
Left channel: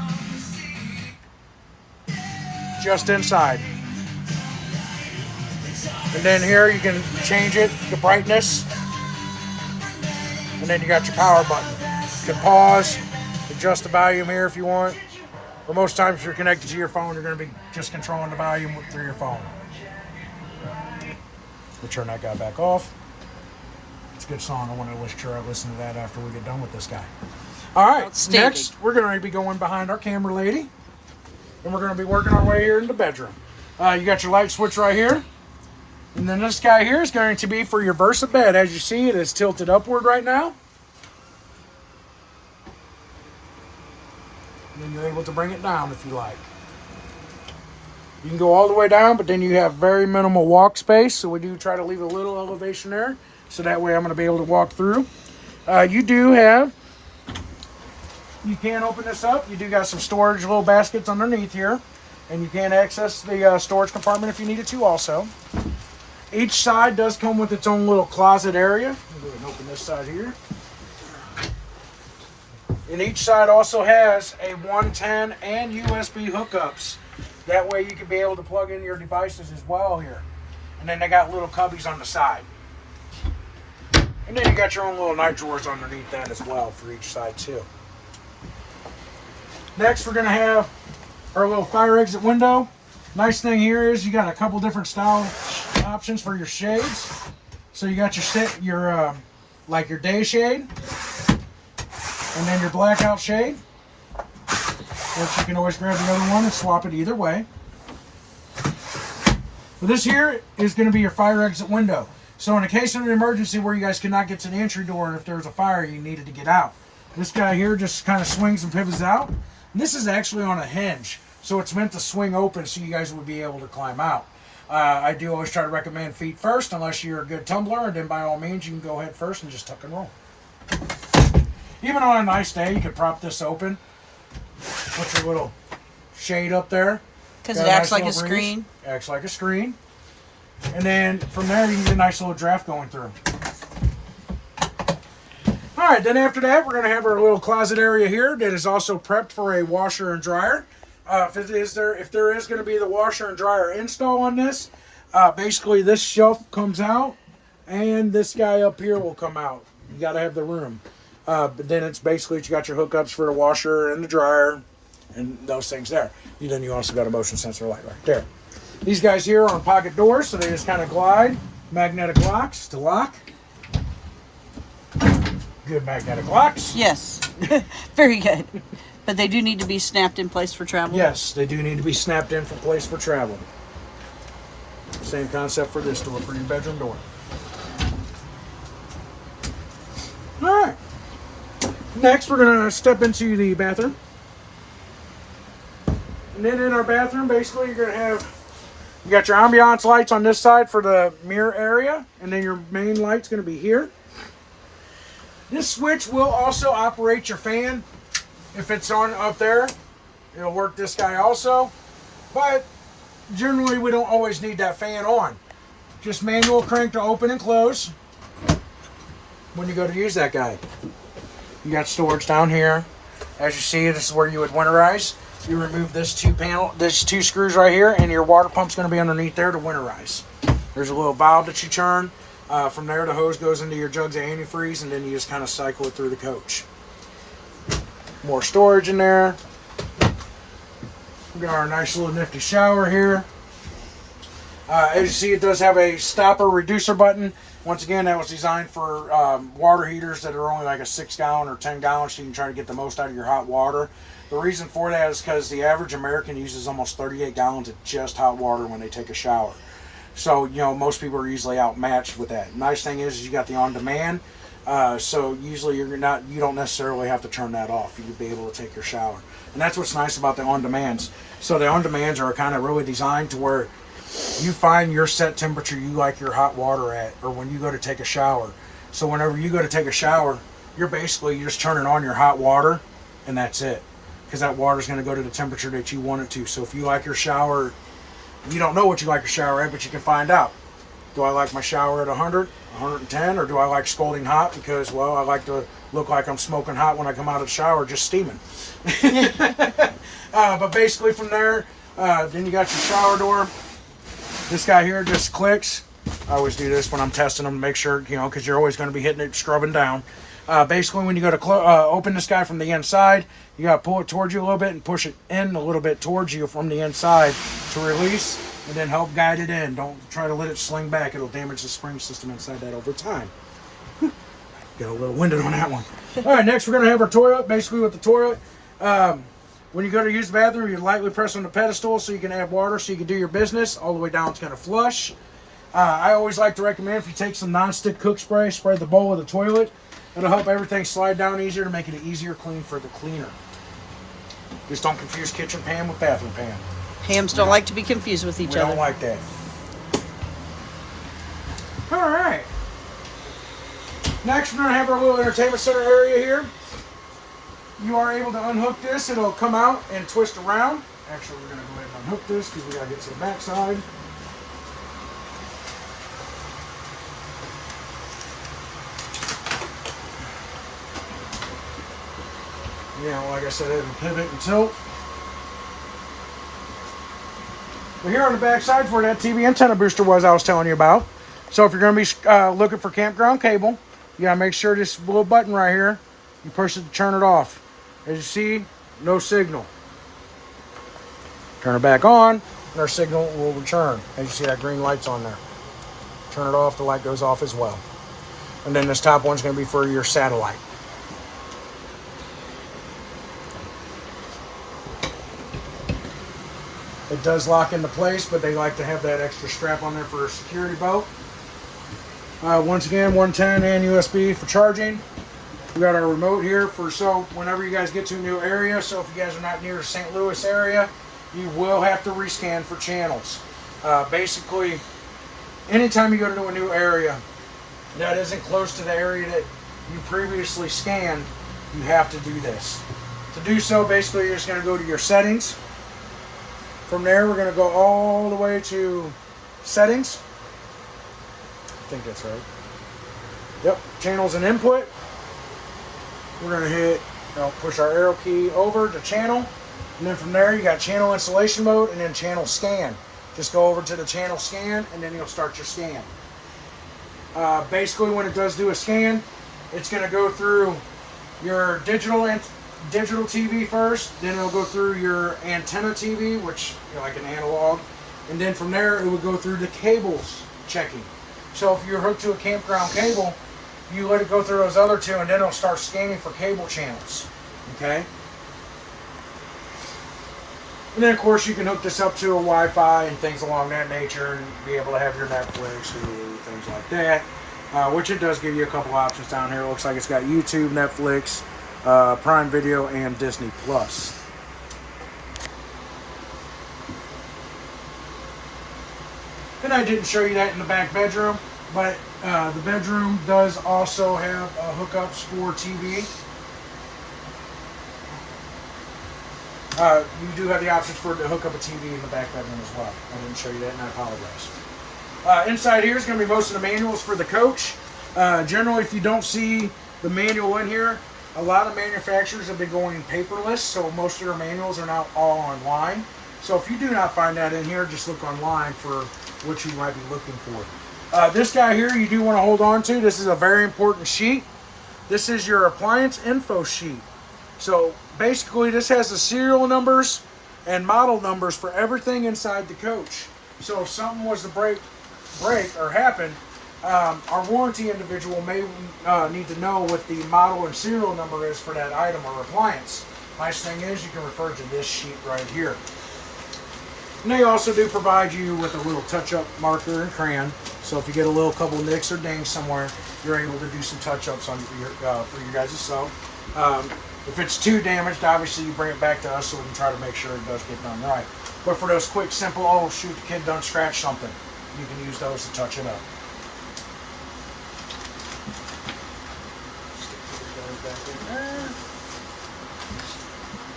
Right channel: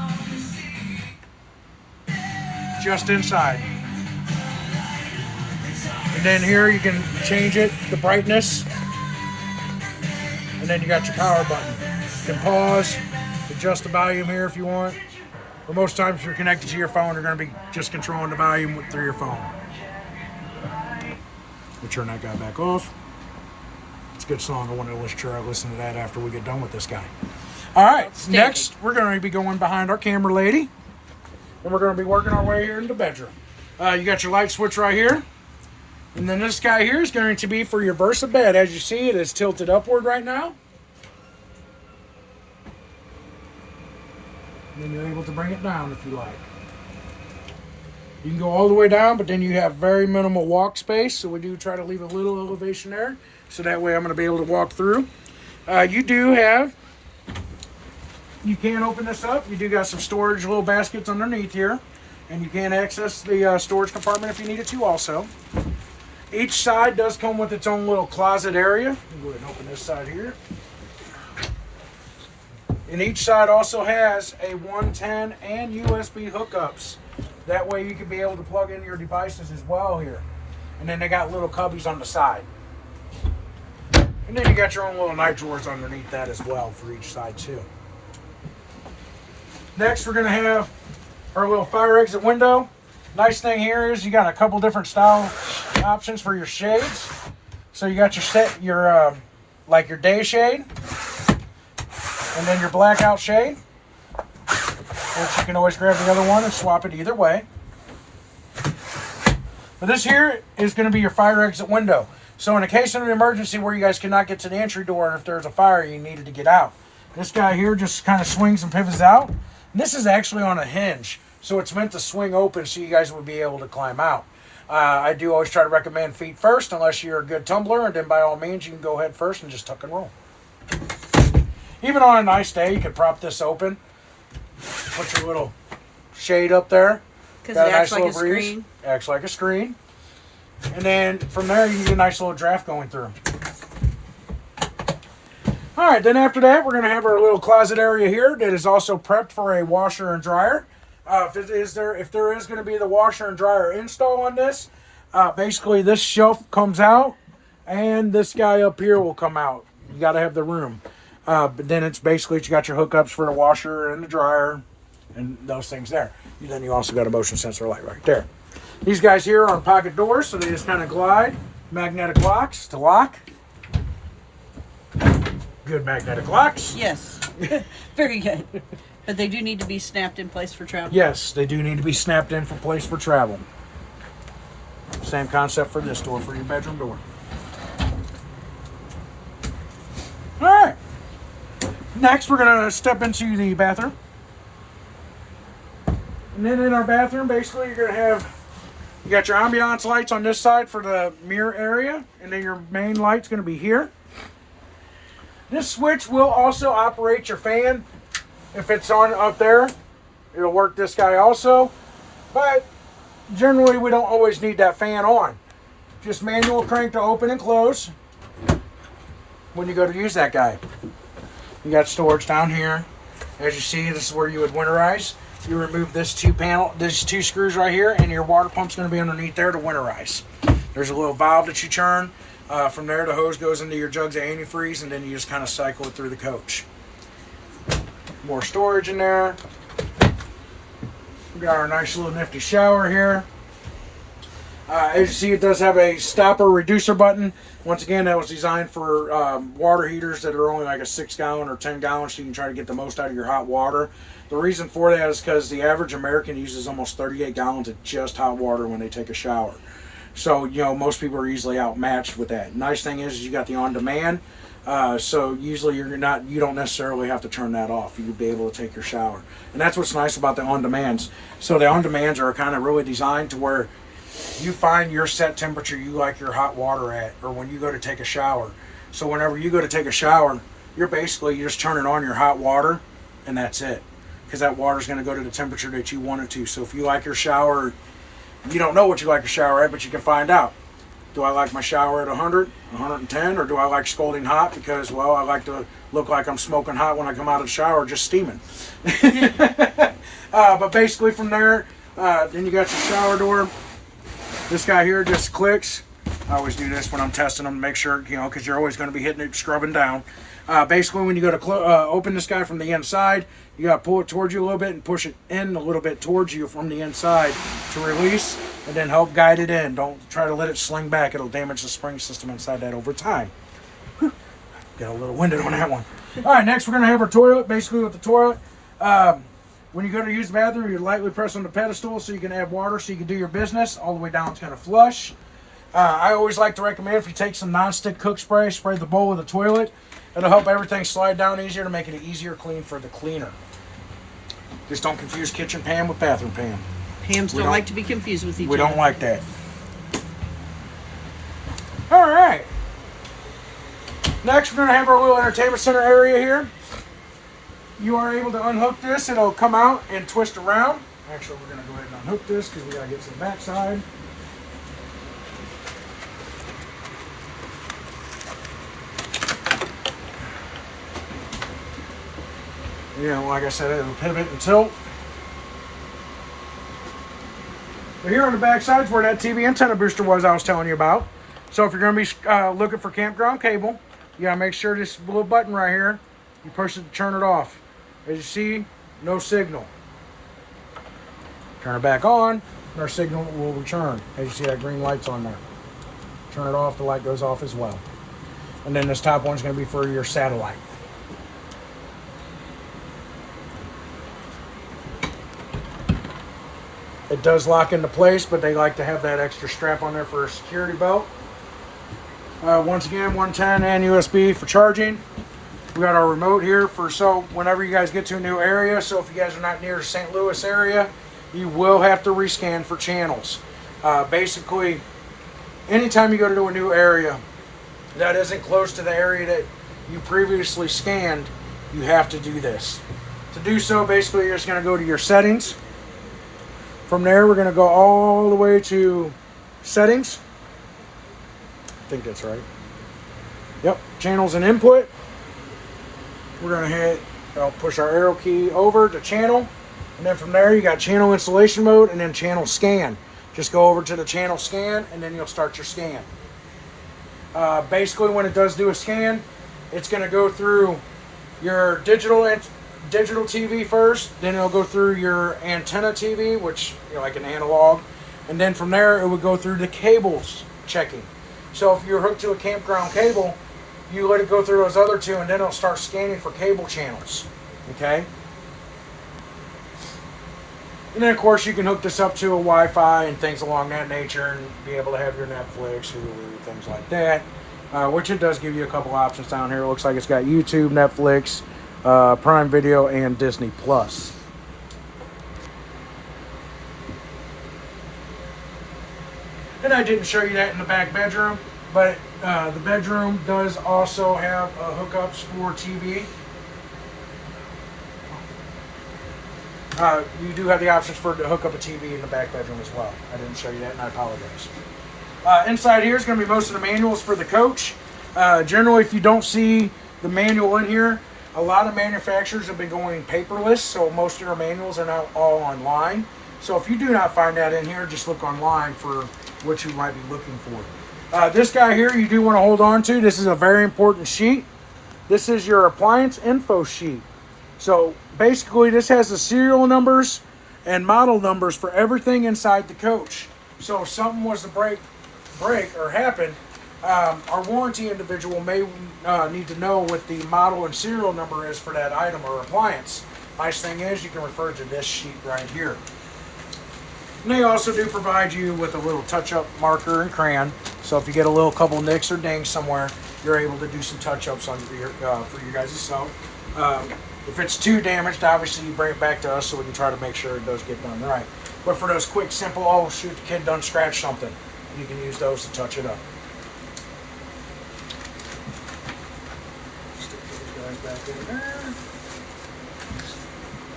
Just inside. And then here you can change it, the brightness. And then you got your power button. You can pause, adjust the volume here if you want. But most times if you're connected to your phone, you're going to be just controlling the volume through your phone. Let me turn that guy back off. It's a good song. I want to listen to that after we get done with this guy. All right, next we're going to be going behind our camera lady. And we're going to be working our way here in the bedroom. You got your light switch right here. And then this guy here is going to be for your Versa bed. As you see, it is tilted upward right now. And you're able to bring it down if you like. You can go all the way down, but then you have very minimal walk space. So we do try to leave a little elevation there. So that way I'm going to be able to walk through. You can open this up. You do got some storage little baskets underneath here. And you can access the storage compartment if you needed to also. Each side does come with its own little closet area. I'll go ahead and open this side here. And each side also has a 110 and USB hookups. That way you can be able to plug in your devices as well here. And then they got little cubbies on the side. And then you got your own little night drawers underneath that as well for each side too. Next we're going to have our little fire exit window. Nice thing here is you got a couple different style options for your shades. So you got your like your day shade. And then your blackout shade. Which you can always grab the other one and swap it either way. But this here is going to be your fire exit window. So in a case of an emergency where you guys cannot get to the entry door, if there's a fire you needed to get out, this guy here just kind of swings and pivots out. And this is actually on a hinge. So it's meant to swing open so you guys would be able to climb out. I do always try to recommend feet first unless you're a good tumbler. And then by all means you can go head first and just tuck and roll. Even on a nice day, you could prop this open. Put your little shade up there. Because it acts like a screen. Acts like a screen. And then from there, you can get a nice little draft going through. All right, then after that, we're going to have our little closet area here that is also prepped for a washer and dryer. If there is going to be the washer and dryer install on this, basically this shelf comes out and this guy up here will come out. You got to have the room. But then it's basically you got your hookups for the washer and the dryer and those things there. And then you also got a motion sensor light right there. These guys here are on pocket doors, so they just kind of glide. Magnetic locks to lock. Good magnetic locks. Yes, very good. But they do need to be snapped in place for travel. Yes, they do need to be snapped in for place for travel. Same concept for this door, for your bedroom door. All right. Next, we're going to step into the bathroom. And then in our bathroom, basically, you're going to have, you got your ambiance lights on this side for the mirror area. And then your main light's going to be here. This switch will also operate your fan. If it's on up there, it'll work this guy also. But generally, we don't always need that fan on. Just manual crank to open and close when you go to use that guy. You got storage down here. As you see, this is where you would winterize. You remove this two screws right here, and your water pump's going to be underneath there to winterize. There's a little valve that you turn. From there, the hose goes into your jugs of antifreeze, and then you just kind of cycle it through the coach. More storage in there. We got our nice little nifty shower here. As you see, it does have a stopper reducer button. Once again, that was designed for water heaters that are only like a 6 gallon or 10 gallons, so you can try to get the most out of your hot water. The reason for that is because the average American uses almost 38 gallons of just hot water when they take a shower. So, you know, most people are easily outmatched with that. Nice thing is you got the on-demand, so usually you don't necessarily have to turn that off. You'll be able to take your shower. And that's what's nice about the on-demands. So the on-demands are kind of really designed to where you find your set temperature you like your hot water at, or when you go to take a shower. So whenever you go to take a shower, you're just turning on your hot water, and that's it. Because that water's going to go to the temperature that you want it to. So if you like your shower, you don't know what you like your shower at, but you can find out. Do I like my shower at 100, 110, or do I like scalding hot? Because, well, I like to look like I'm smoking hot when I come out of the shower, just steaming. But basically from there, then you got your shower door. This guy here just clicks. I always do this when I'm testing them to make sure, you know, because you're always going to be hitting it, scrubbing down. Basically, when you go to open this guy from the inside, you got to pull it towards you a little bit and push it in a little bit towards you from the inside to release, and then help guide it in. Don't try to let it sling back. It'll damage the spring system inside that over time. Whew. Got a little winded on that one. All right, next we're going to have our toilet. Basically with the toilet, when you go to use the bathroom, you lightly press on the pedestal so you can add water so you can do your business. All the way down, it's going to flush. I always like to recommend if you take some non-stick cook spray the bowl of the toilet. It'll help everything slide down easier to make it easier clean for the cleaner. Just don't confuse kitchen pan with bathroom pan. Hams don't like to be confused with each We other. don't like that. All right. Next, we're going to have our little entertainment center area here. You are able to unhook this. It'll come out and twist around. Actually, we're going to go ahead and unhook this because we got to get to the back side. Yeah, like I said, it'll pivot and tilt. But here on the back side is where that TV antenna booster was I was telling you about. So if you're going to be looking for campground cable, you got to make sure this little button right here, you push it to turn it off. As you see, no signal. Turn it back on, and our signal will return. As you see, that green light's on there. Turn it off, the light goes off as well. And then this top one's going to be for your satellite. It does lock into place, but they like to have that extra strap on there for a security belt. Once again, 110 and USB for charging. We got our remote here for so whenever you guys get to a new area. So if you guys are not near the St. Louis area, you will have to rescan for channels. Basically, anytime you go to a new area that isn't close to the area that you previously scanned, you have to do this. To do so, basically, you're just going to go to your settings. From there, we're going to go all the way to settings. I think that's right. Yep, channels and input. We're going to push our arrow key over to channel. And then from there, you got channel installation mode and then channel scan. Just go over to the channel scan and then you'll start your scan. Basically, when it does do a scan, it's going to go through your digital TV first, then it'll go through your antenna TV, which like an analog, and then from there it would go through the cables checking. So if you're hooked to a campground cable, you let it go through those other two, and then it'll start scanning for cable channels. Okay. And then of course you can hook this up to a Wi-Fi and things along that nature, and be able to have your Netflix, Hulu, things like that. Which it does give you a couple options down here. It looks like it's got YouTube, Netflix, Prime Video, and Disney Plus. And I didn't show you that in the back bedroom, but the bedroom does also have hookups for TV. You do have the options to hook up a TV in the back bedroom as well. I didn't show you that, and I apologize. Inside here is going to be most of the manuals for the coach. Generally, if you don't see the manual in here, a lot of manufacturers have been going paperless, so most of your manuals are now all online. So if you do not find that in here, just look online for what you might be looking for. This guy here you do want to hold on to. This is a very important sheet. This is your appliance info sheet. So basically this has the serial numbers and model numbers for everything inside the coach. So if something was to break or happen, our warranty individual may need to know what the model and serial number is for that item or appliance. Nice thing is you can refer to this sheet right here. And they also do provide you with a little touch-up marker and crayon. So if you get a couple nicks or dings somewhere, you're able to do some touch-ups on for you guys' sew. If it's too damaged, obviously you bring it back to us so we can try to make sure it does get done right. But for those quick, simple, oh shoot, the kid done scratched something, you can use those to touch it up.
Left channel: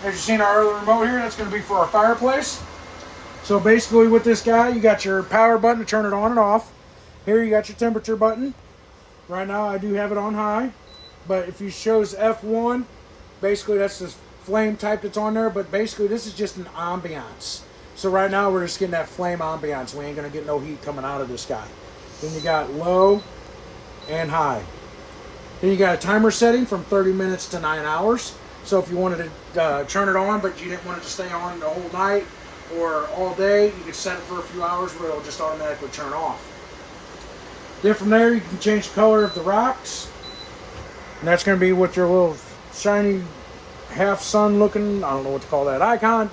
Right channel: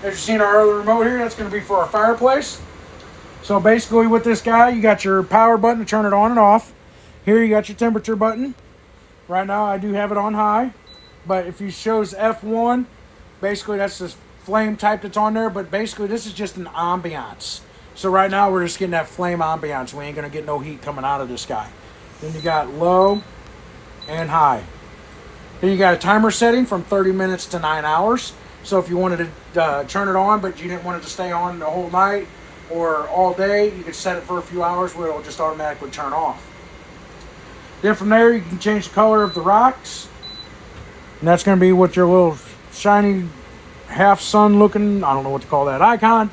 As you've seen our other remote here, that's going to be for our fireplace. So basically with this guy, you got your power button to turn it on and off. Here you got your temperature button. Right now I do have it on high, but if you shows F1, basically that's the flame type that's on there, but basically this is just an ambiance. So right now we're just getting that flame ambiance. We ain't going to get no heat coming out of this guy. Then you got low and high. Then you got a timer setting from 30 minutes to 9 hours. So if you wanted to turn it on, but you didn't want it to stay on the whole night or all day, you could set it for a few hours where it'll just automatically turn off. Then from there, you can change the color of the rocks. And that's going to be with your little shiny half sun looking, I don't know what to call that icon.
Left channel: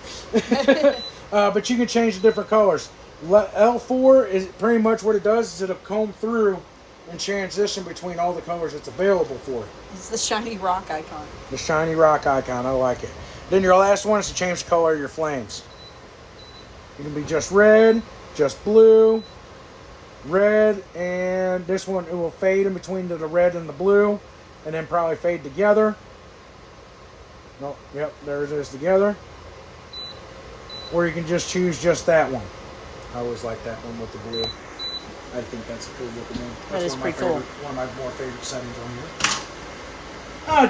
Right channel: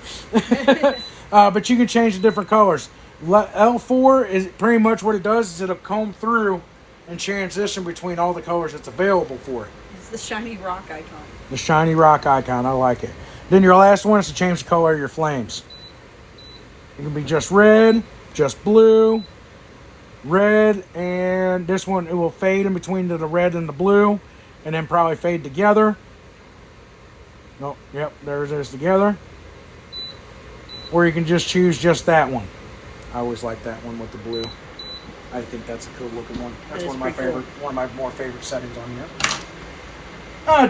But you can change the different colors. L4 is pretty much what it does is it'll comb through and transition between all the colors that's available for it. It's the shiny rock icon. The shiny rock icon, I like it. Then your last one is to change the color of your flames. It can be just red, just blue, red, and this one, it will fade in between the red and the blue, and then probably fade together. Oh, yep, there it is together. Or you can just choose just that one. I always like that one with the blue. I think that's a cool looking one. That's That is pretty cool. One of my more favorite settings on here.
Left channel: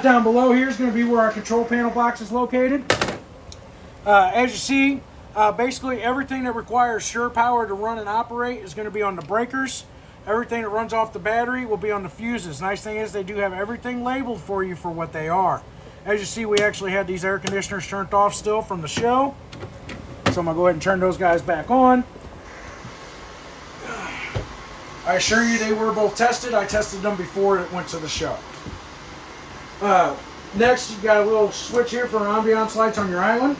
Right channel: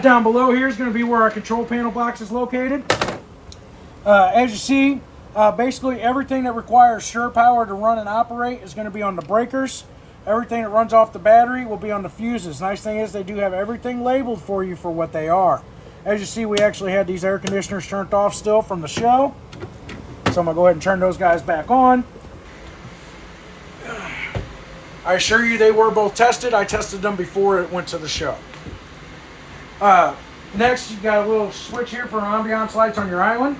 Down below here is going to be where our control panel box is located. As you see, basically everything that requires sure power to run and operate is going to be on the breakers. Everything that runs off the battery will be on the fuses. Nice thing is they do have everything labeled for you for what they are. As you see, we actually had these air conditioners turned off still from the show. So I'm going to go ahead and turn those guys back on. I assure you they were both tested. I tested them before it went to the show. Next, you got a little switch here for ambiance lights on your island.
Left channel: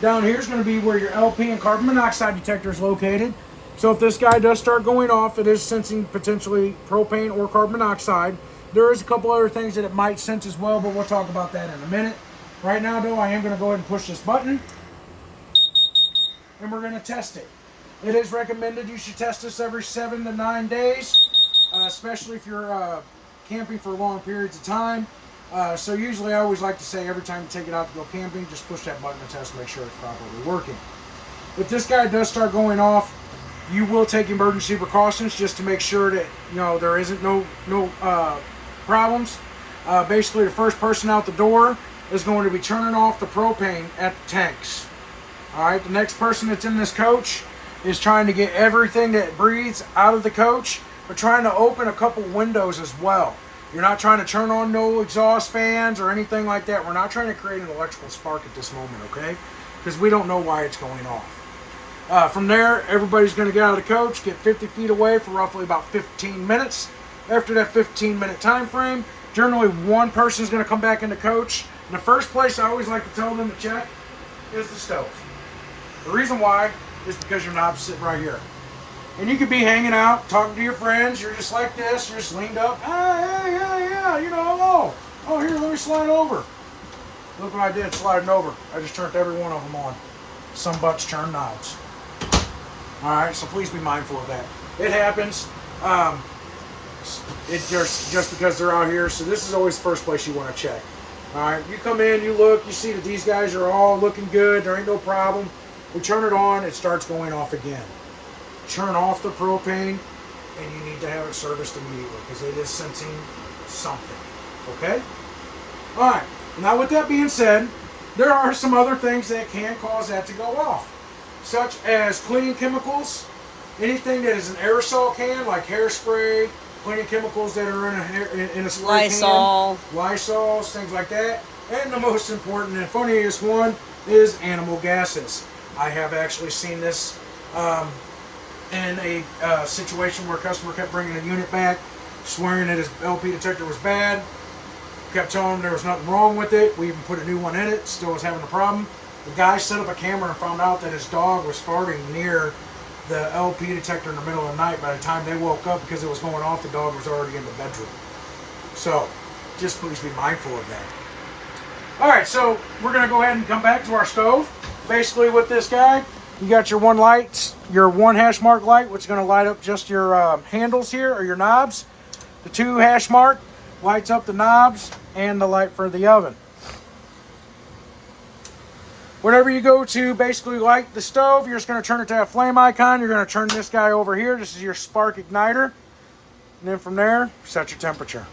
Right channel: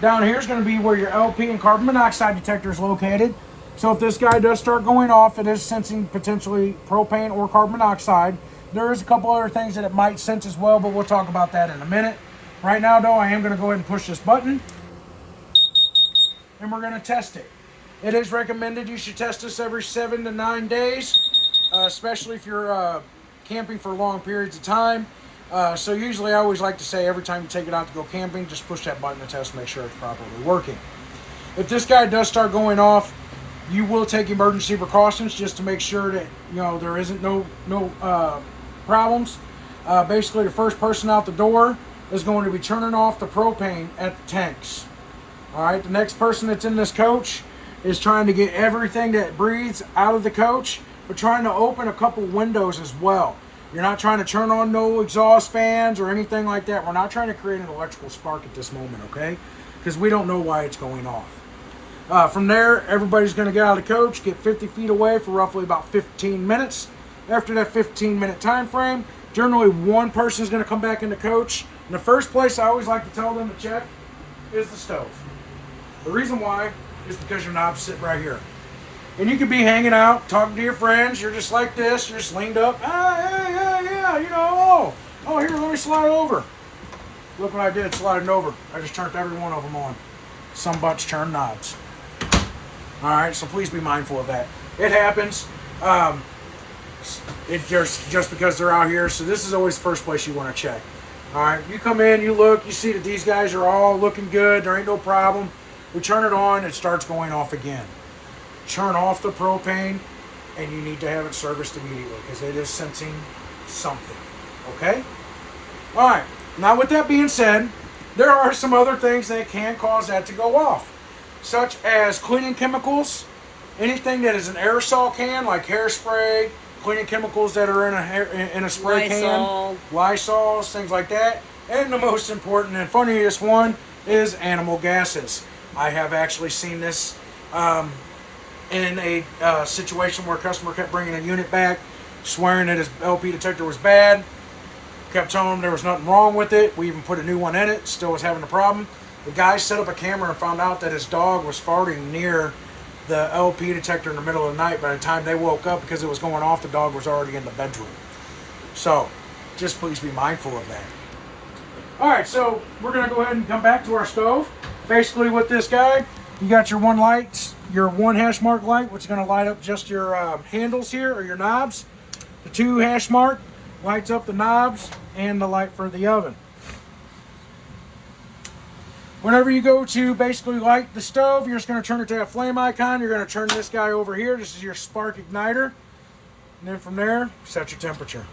Down here is going to be where your LP and carbon monoxide detector is located. So if this guy does start going off, it is sensing potentially propane or carbon monoxide. There is a couple other things that it might sense as well, but we'll talk about that in a minute. Right now, though, I am going to go ahead and push this button. And we're going to test it. It is recommended you should test this every 7 to 9 days, especially if you're camping for long periods of time. So usually I always like to say every time you take it out to go camping, just push that button to test, make sure it's properly working. If this guy does start going off, you will take emergency precautions just to make sure that there isn't no problems. Basically, the first person out the door is going to be turning off the propane at the tanks. All right, the next person that's in this coach is trying to get everything that breathes out of the coach. We're trying to open a couple windows as well. You're not trying to turn on no exhaust fans or anything like that. We're not trying to create an electrical spark at this moment, okay? Because we don't know why it's going off. From there, everybody's going to get out of the coach, get 50 feet away for roughly about 15 minutes. After that 15-minute time frame, generally one person is going to come back in the coach. And the first place I always like to tell them to check is the stove. The reason why is because your knob's sitting right here. And you could be hanging out, talking to your friends. You're just like this. You're just leaned up. Yeah. Oh, here, let me slide over. Look what I did sliding over. I just turned every one of them on. Some butts turn knobs. All right, so please be mindful of that. It happens. Just because they're out here. So this is always the first place you want to check. All right, you come in, you look, you see that these guys are all looking good. There ain't no problem. We turn it on, it starts going off again. Turn off the propane, and you need to have it serviced immediately because it is sensing something. Okay? All right. Now, with that being said, there are some other things that can cause that to go off, such as cleaning chemicals, anything that is an aerosol can, like hairspray, cleaning chemicals that are in a spray can, Lysols, things like that. And the most important and funniest one is animal gases. I have actually seen this in a situation where a customer kept bringing a unit back, swearing that his LP detector was bad. Kept telling him there was nothing wrong with it. We even put a new one in it, still was having a problem. The guy set up a camera and found out that his dog was farting near the LP detector in the middle of the night. By the time they woke up, because it was going off, the dog was already in the bedroom. So, just please be mindful of that. Alright, so we're going to go ahead and come back to our stove. Basically with this guy, you got your one light, your one hash mark light, which is going to light up just your handles here, or your knobs. The 2 hash mark lights up the knobs and the light for the oven. Whenever you go to basically light the stove, you're just going to turn it to that flame icon. You're going to turn this guy over here. This is your spark igniter. And then from there, set your temperature.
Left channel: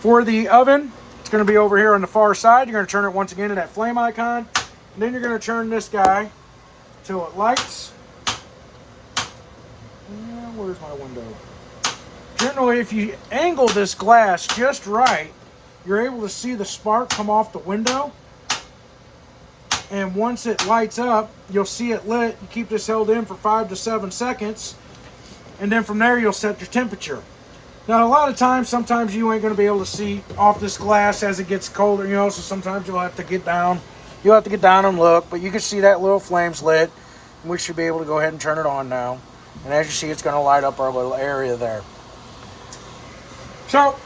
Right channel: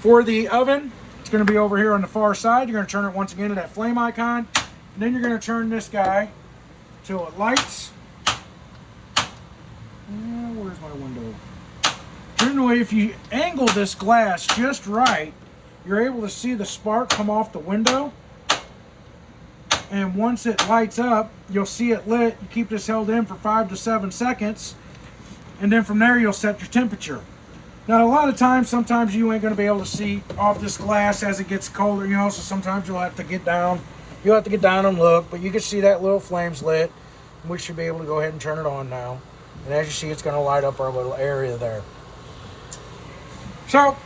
For the oven, it's going to be over here on the far side. You're going to turn it once again to that flame icon. And then you're going to turn this guy till it lights. Where's my window? Generally, if you angle this glass just right, you're able to see the spark come off the window. And once it lights up, you'll see it lit. You keep this held in for 5 to 7 seconds. And then from there, you'll set your temperature. Now, a lot of times, sometimes you ain't going to be able to see off this glass as it gets colder, so sometimes you'll have to get down. You'll have to get down and look, but you can see that little flame's lit. We should be able to go ahead and turn it on now. And as you see, it's going to light up our little area there. So,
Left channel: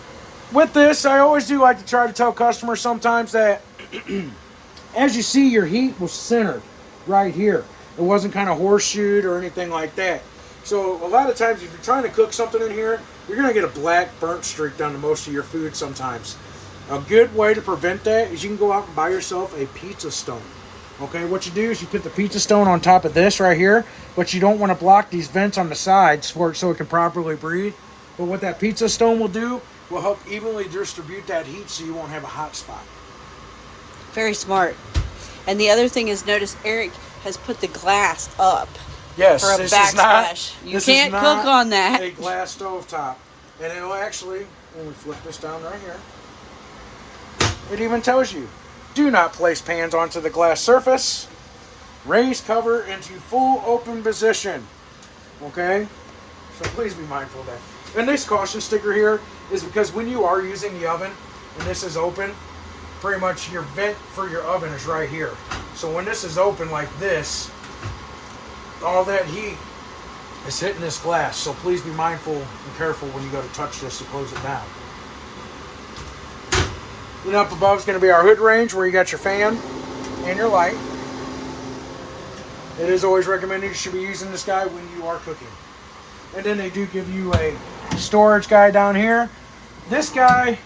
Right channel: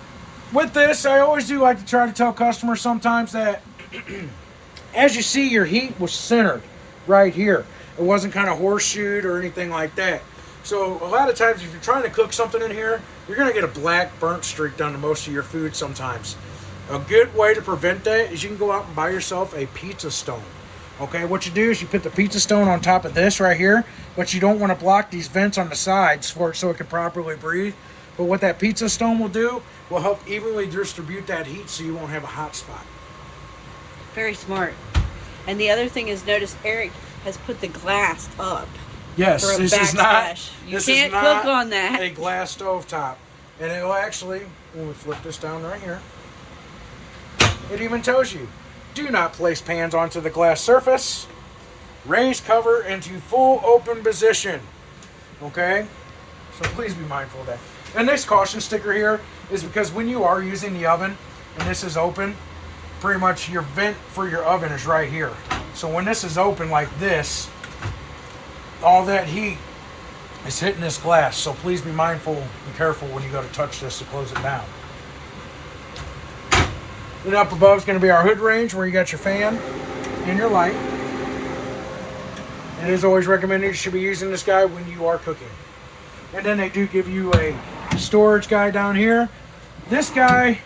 with this, I always do like to try to tell customers sometimes that as you see, your heat was centered right here. It wasn't kind of horseshoed or anything like that. So a lot of times if you're trying to cook something in here, you're going to get a black burnt streak down to most of your food sometimes. A good way to prevent that is you can go out and buy yourself a pizza stone. Okay, what you do is you put the pizza stone on top of this right here, but you don't want to block these vents on the sides for it so it can properly breathe. But what that pizza stone will do will help evenly distribute that heat so you won't have a hot spot. Very smart. And the other thing is, notice Eric has put the glass up. Yes, for a this backsplash. You can't cook on that. A glass stove top. And it will actually, when we flip this down right here, it even tells you, do not place pans onto the glass surface. Raise cover into full open position. Okay? So please be mindful of that. And this caution sticker here is because when you are using the oven and this is open, pretty much your vent for your oven is right here. So when this is open like this, all that heat is hitting this glass. So please be mindful and careful when you go to touch this to close it down. Then up above is going to be our hood range where you got your fan and your light. It is always recommended you should be using this guy when you are cooking. And then they do give you a storage guy down here. This guy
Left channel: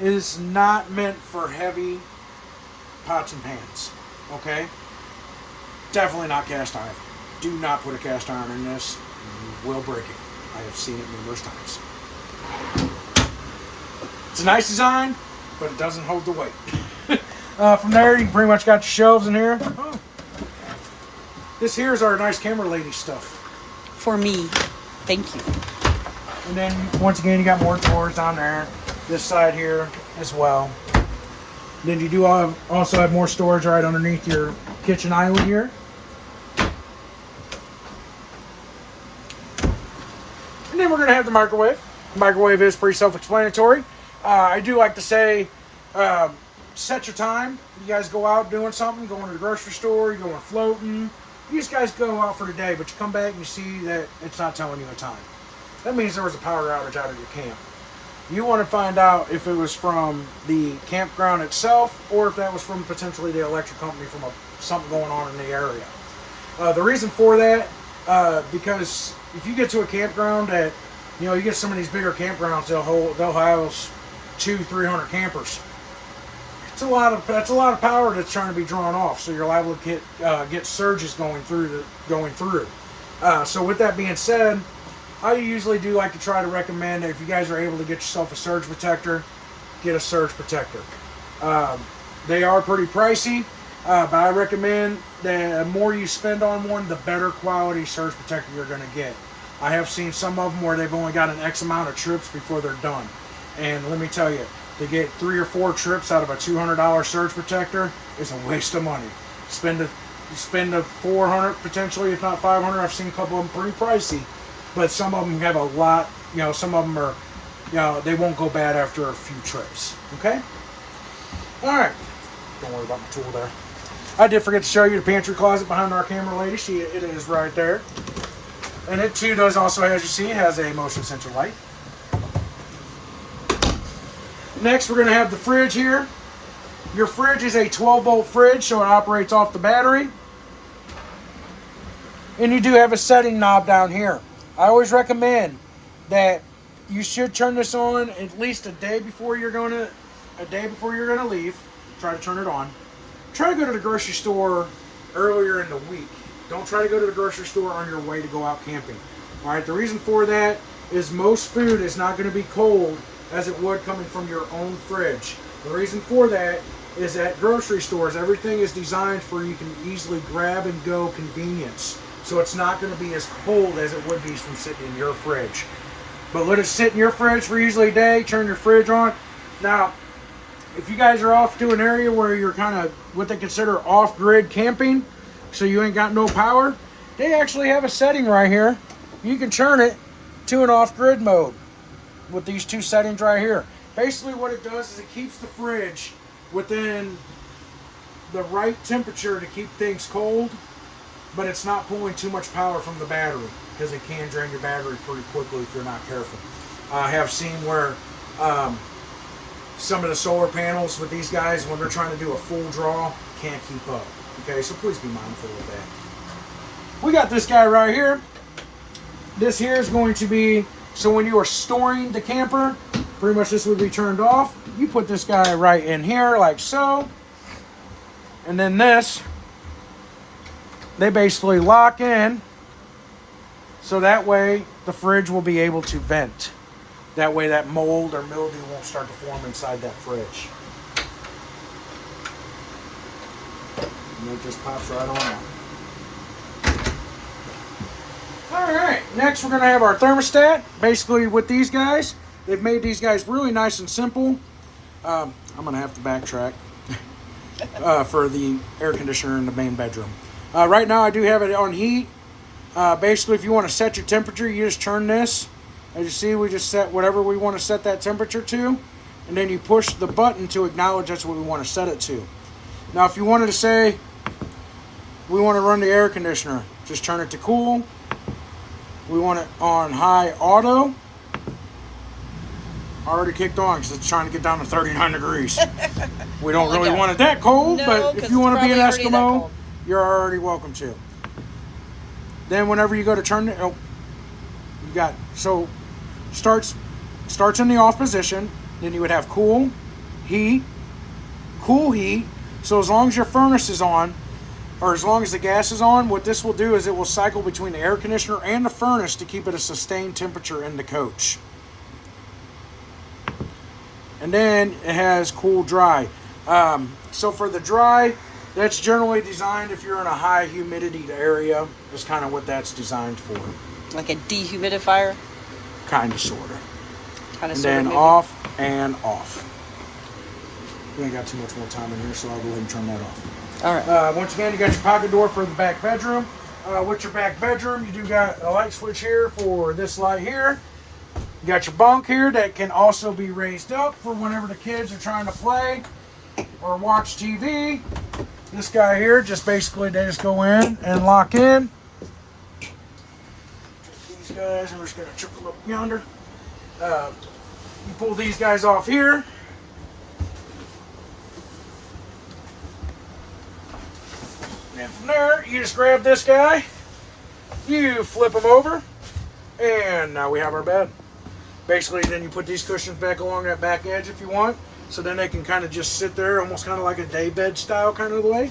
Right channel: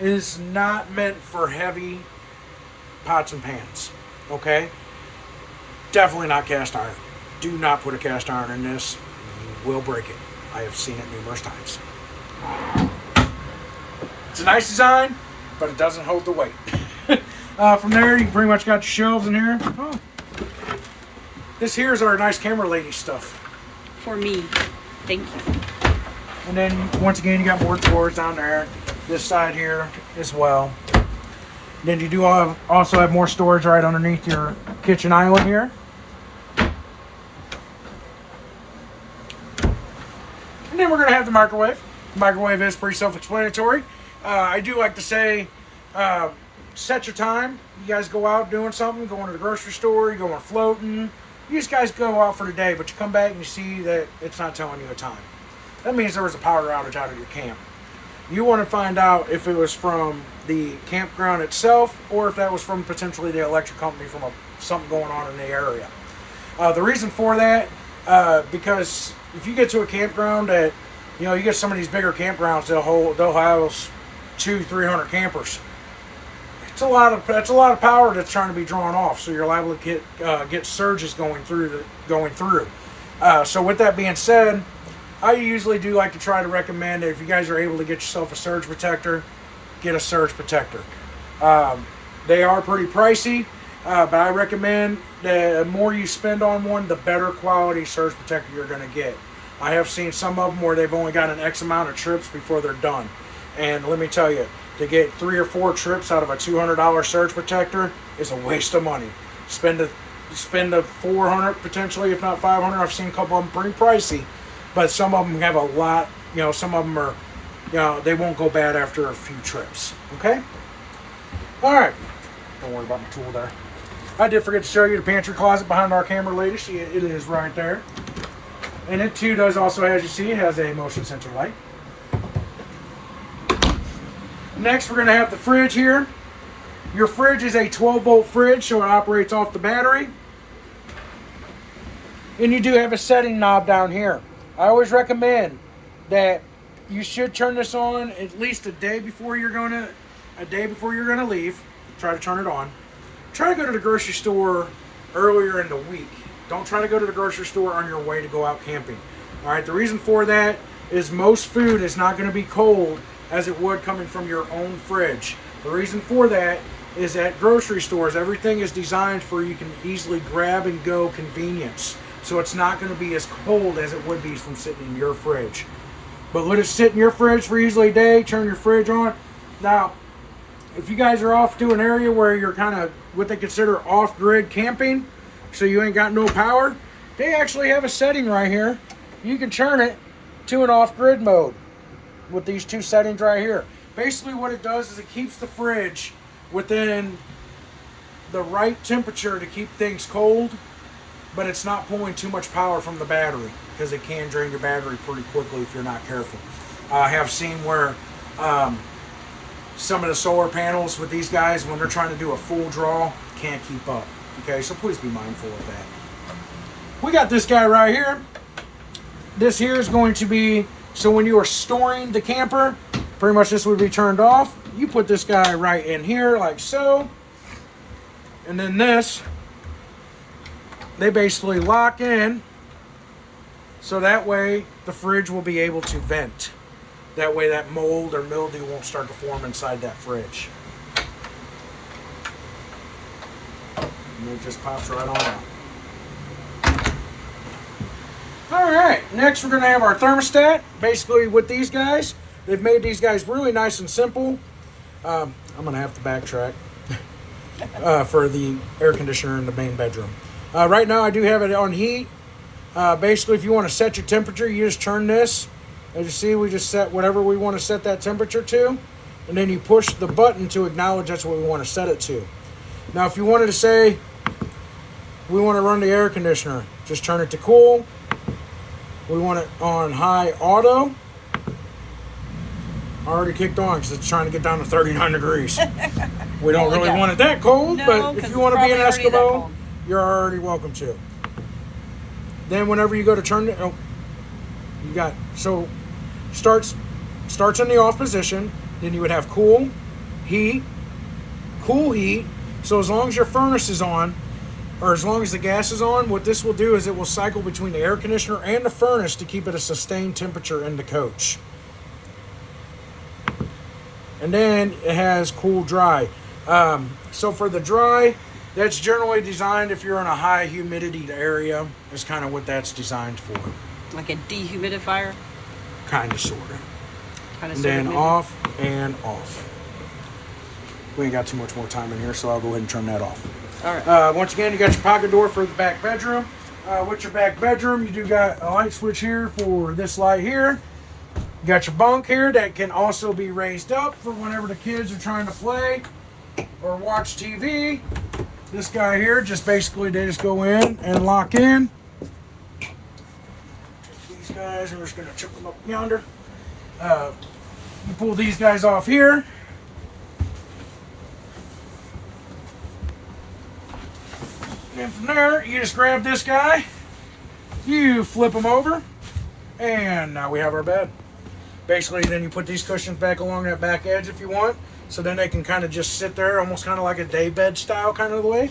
is not meant for heavy pots and pans. Okay? Definitely not cast iron. Do not put a cast iron in this. You will break it. I have seen it numerous times. It's a nice design, but it doesn't hold the weight. From there, you pretty much got your shelves in here. Oh. This here is our nice camera lady stuff. For me. Thank you. And then, once again, you got more drawers down there. This side here as well. Then you do also have more storage right underneath your kitchen island here. And then we're going to have the microwave. The microwave is pretty self-explanatory. I do like to say, set your time. You guys go out doing something, going to the grocery store, you're going floating. You just guys go out for the day, but you come back and you see that it's not telling you a time. That means there was a power outage out of your camp. You want to find out if it was from the campground itself or if that was from potentially the electric company from something going on in the area. The reason for that, because if you get to a campground that, you get some of these bigger campgrounds, they'll house 200-300 campers. That's a lot of power that's trying to be drawn off, so you're liable to get surges going through. So with that being said, I usually do like to try to recommend that if you guys are able to get yourself a surge protector, get a surge protector. They are pretty pricey, but I recommend that the more you spend on one, the better quality surge protector you're going to get. I have seen some of them where they've only got an X amount of trips before they're done. And let me tell you, to get 3 or 4 trips out of a $200 surge protector is a waste of money. You spend a $400 potentially, if not $500. I've seen a couple of them pretty pricey, but some of them have a lot. Some of them are, they won't go bad after a few trips. Okay. All right. Don't worry about my tool there. I did forget to show you the pantry closet behind our camera lady. It is right there, and it too does also, as you see, has a motion sensor light. Next, we're going to have the fridge here. Your fridge is a 12-volt fridge, so it operates off the battery. And you do have a setting knob down here. I always recommend that you should turn this on at least a day before you're going to leave. Try to turn it on. Try to go to the grocery store earlier in the week. Don't try to go to the grocery store on your way to go out camping. All right. The reason for that is most food is not going to be cold as it would coming from your own fridge. The reason for that is at grocery stores, everything is designed for you can easily grab and go convenience. So it's not going to be as cold as it would be from sitting in your fridge. But let it sit in your fridge for usually a day, turn your fridge on. Now, if you guys are off to an area where you're kind of what they consider off-grid camping, so you ain't got no power, they actually have a setting right here. You can turn it to an off-grid mode with these 2 settings right here. Basically what it does is it keeps the fridge within the right temperature to keep things cold, but it's not pulling too much power from the battery because it can drain your battery pretty quickly if you're not careful. I have seen where some of the solar panels with these guys, when they're trying to do a full draw, can't keep up. Okay, so please be mindful of that. We got this guy right here. This here is going to be, so when you are storing the camper, pretty much this would be turned off. You put this guy right in here like so. And then this, they basically lock in. So that way the fridge will be able to vent. That way that mold or mildew won't start to form inside that fridge. And it just pops right on out. Alright, next we're going to have our thermostat. Basically with these guys, they've made these guys really nice and simple. I'm going to have to backtrack for the air conditioner in the main bedroom. Right now I do have it on heat. Basically, if you want to set your temperature, you just turn this. As you see, we just set whatever we want to set that temperature to. And then you push the button to acknowledge that's what we want to set it to. Now, if you wanted to say, we want to run the air conditioner, just turn it to cool. We want it on high auto. Already kicked on because it's trying to get down to 39 degrees. We don't really want it that cold, no, but if you want to be an Eskimo, you're already welcome to. Then whenever you go to turn it, you got, so starts in the off position. Then you would have cool heat. So as long as your furnace is on, or as long as the gas is on, what this will do is it will cycle between the air conditioner and the furnace to keep it a sustained temperature in the coach. And then it has cool dry. So for the dry, that's generally designed if you're in a high humidity area. Is kind of what that's designed for. Like a dehumidifier? Kind of, sort of. Kind of, and sort then of, maybe. off and off. We ain't got too much more time in here, so I'll go ahead and turn that off. All right. Once again, you got your pocket door for the back bedroom. With your back bedroom, you do got a light switch here for this light here. You got your bunk here that can also be raised up for whenever the kids are trying to play or watch TV. This guy here, just basically they just go in and lock in. These guys, I'm just going to chuck them up yonder. You pull these guys off here. And from there, you just grab this guy, you flip him over, and now we have our bed. Basically, then you put these cushions back along that back edge if you want, so then they can kind of just sit there, almost kind of like a day bed style kind of way.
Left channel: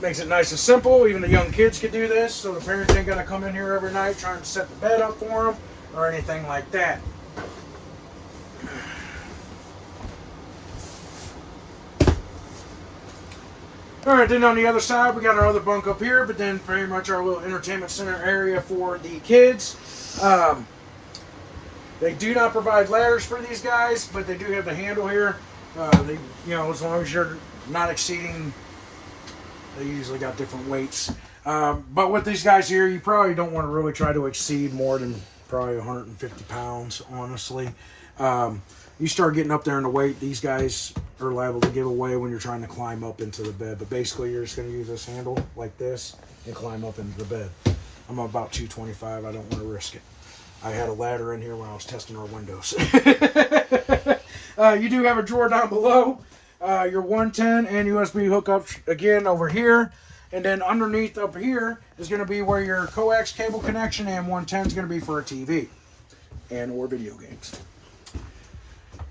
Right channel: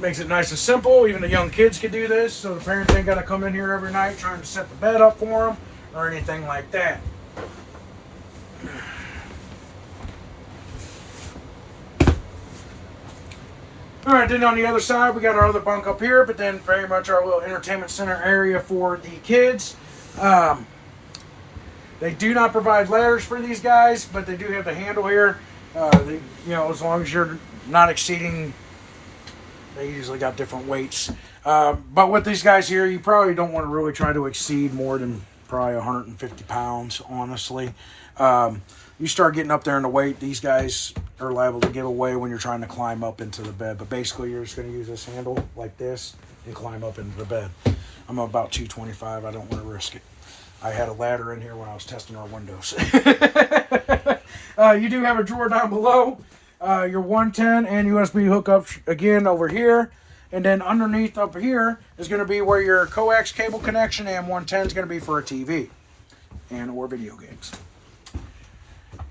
Makes it nice and simple. Even the young kids can do this, so the parents ain't got to come in here every night trying to set the bed up for them or anything like that. Alright, then on the other side, we got our other bunk up here, but then very much our little entertainment center area for the kids. They do not provide ladders for these guys, but they do have the handle here. As long as you're not exceeding, they usually got different weights. But with these guys here, you probably don't want to really try to exceed more than probably 150 pounds, honestly. You start getting up there in the weight, these guys are liable to give away when you're trying to climb up into the bed. But basically, you're just going to use this handle like this and climb up into the bed. I'm about 225. I don't want to risk it. I had a ladder in here when I was testing our windows. You do have a drawer down below. Your 110 and USB hookups again over here. And then underneath up here is going to be where your coax cable connection and 110 is going to be for a TV and or video games.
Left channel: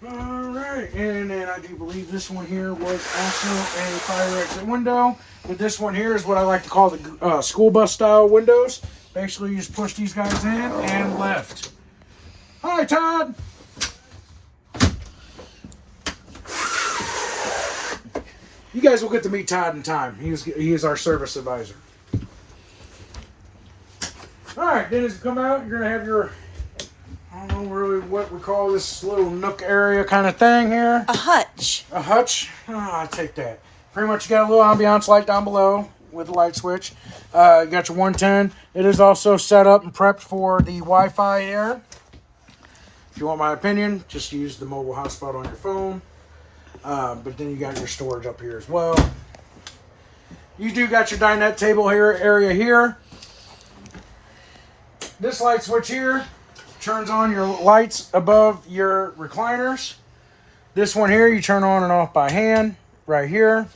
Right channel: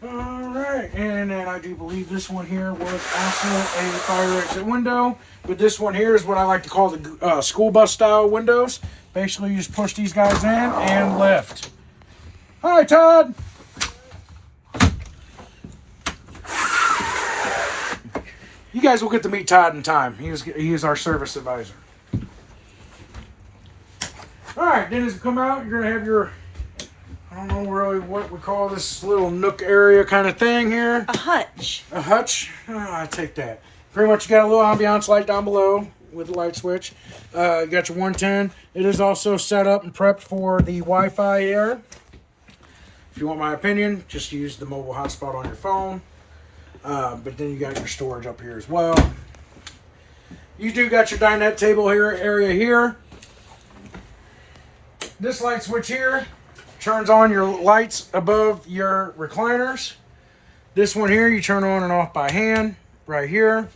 Alright, and then I do believe this one here was also a fire exit window. But this one here is what I like to call the school bus style windows. Basically, you just push these guys in and lift. Hi, Todd! You guys will get to meet Todd in time. He is our service advisor. Alright, then as you come out, you're going to have your, I don't know really what we call this little nook area kind of thing here. A hutch. A hutch? Oh, I take that. Pretty much you got a little ambiance light down below with the light switch. You got your 110. It is also set up and prepped for the Wi-Fi here. If you want my opinion, just use the mobile hotspot on your phone. But then you got your storage up here as well. You do got your dinette table here area here. This light switch here turns on your lights above your recliners. This one here you turn on and off by hand. right here.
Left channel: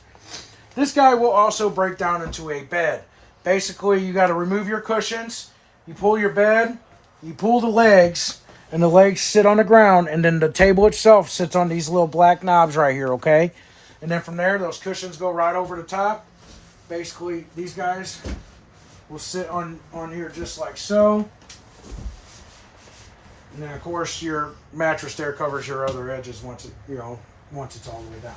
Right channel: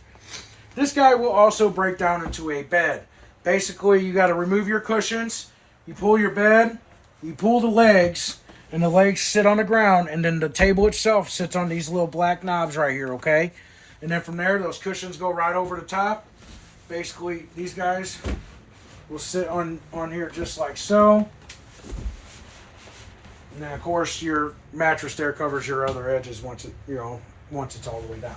This guy will also break down into a bed. Basically, you got to remove your cushions, you pull your bed, you pull the legs, and the legs sit on the ground, and then the table itself sits on these little black knobs right here, okay? And then from there, those cushions go right over the top. Basically, these guys will sit on here just like so. And then, of course, your mattress there covers your other edges once it's all the way down.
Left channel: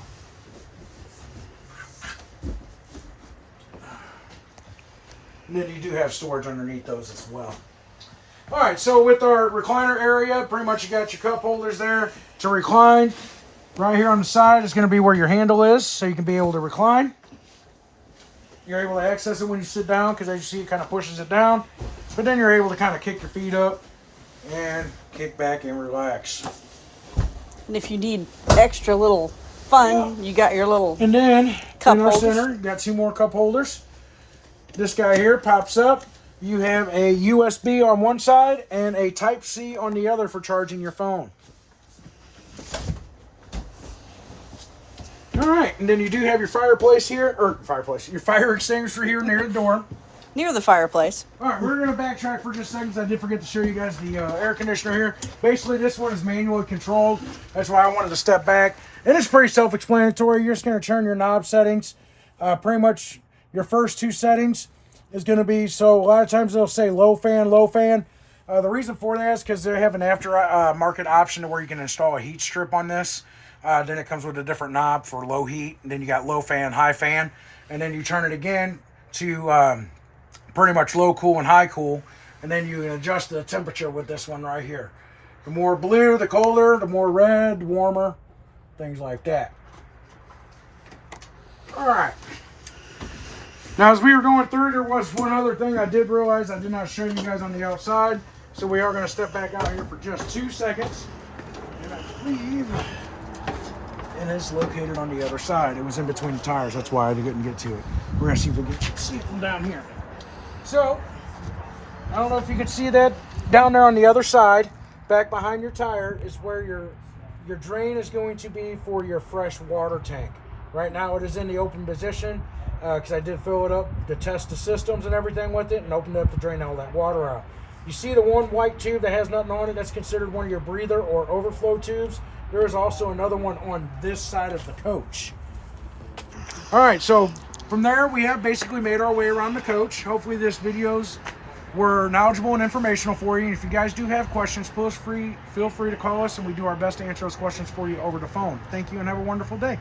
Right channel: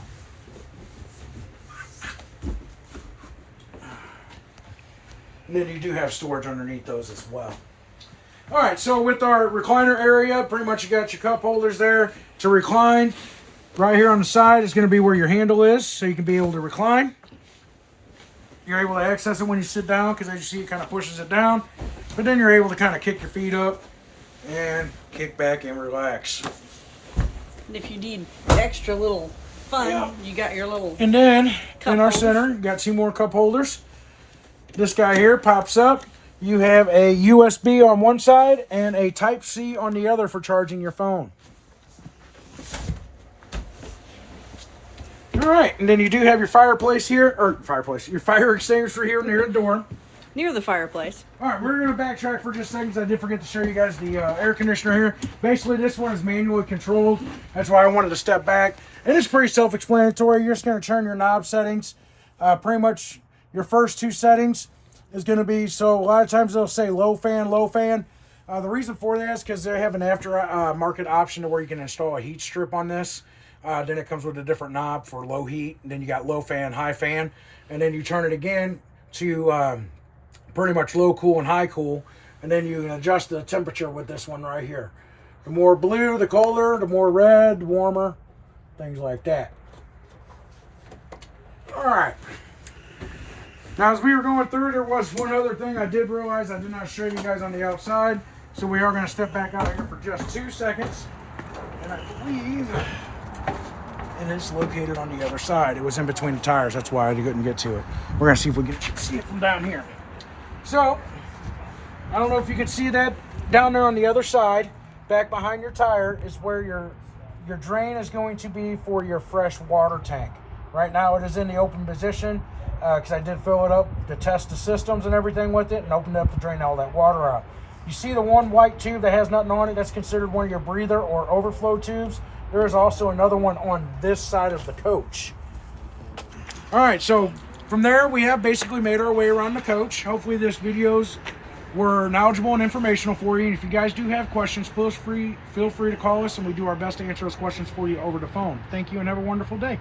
And then you do have storage underneath those as well. All right, so with our recliner area, pretty much you got your cup holders there to recline. Right here on the side is going to be where your handle is, so you can be able to recline. You're able to access it when you sit down, because as you see, it kind of pushes it down. But then you're able to kind of kick your feet up and kick back and relax. And if you need extra little fun, you got your little And then cup in our holders. center, you got 2 more cup holders. This guy here pops up. You have a USB on one side and a Type-C on the other for charging your phone. All right, and then you do have your fireplace here, your fire extinguisher here near the door. Near the fireplace. All right, we're going to backtrack for just seconds. I did forget to show you guys the air conditioner here. Basically, this one is manually controlled. That's why I wanted to step back. It is pretty self-explanatory. You're just going to turn your knob settings. Pretty much your first 2 settings is going to be, so a lot of times they'll say low fan, low fan. The reason for that is because they have an after-market option to where you can install a heat strip on this. Then it comes with a different knob for low heat. And then you got low fan, high fan. And then you turn it again to pretty much low cool and high cool. And then you can adjust the temperature with this one right here. The more blue, the colder. The more red, the warmer. Things like that. All right. Now, as we were going through, there was one other thing I did realize I did not show you guys on the outside. So we are going to step back out here for just 2 seconds. And I believe it is located on the other side. It was in between the tires. That's why I couldn't get to it. We're going to see if we can see it from down here. So, I don't know if you can see that down there on the other side. Back behind your tire is where your drain is going to be for your fresh water tank. Right now it is in the open position because I did fill it up to test the systems and everything with it and opened it up to drain all that water out. You see the one white tube that has nothing on it? That's considered one of your breather or overflow tubes. There is also another one on this side of the coach. All right, so from there we have basically made our way around the coach. Hopefully this videos were knowledgeable and informational for you. And if you guys do have questions, feel free to call us and we do our best to answer those questions for you over the phone. Thank you and have a wonderful day.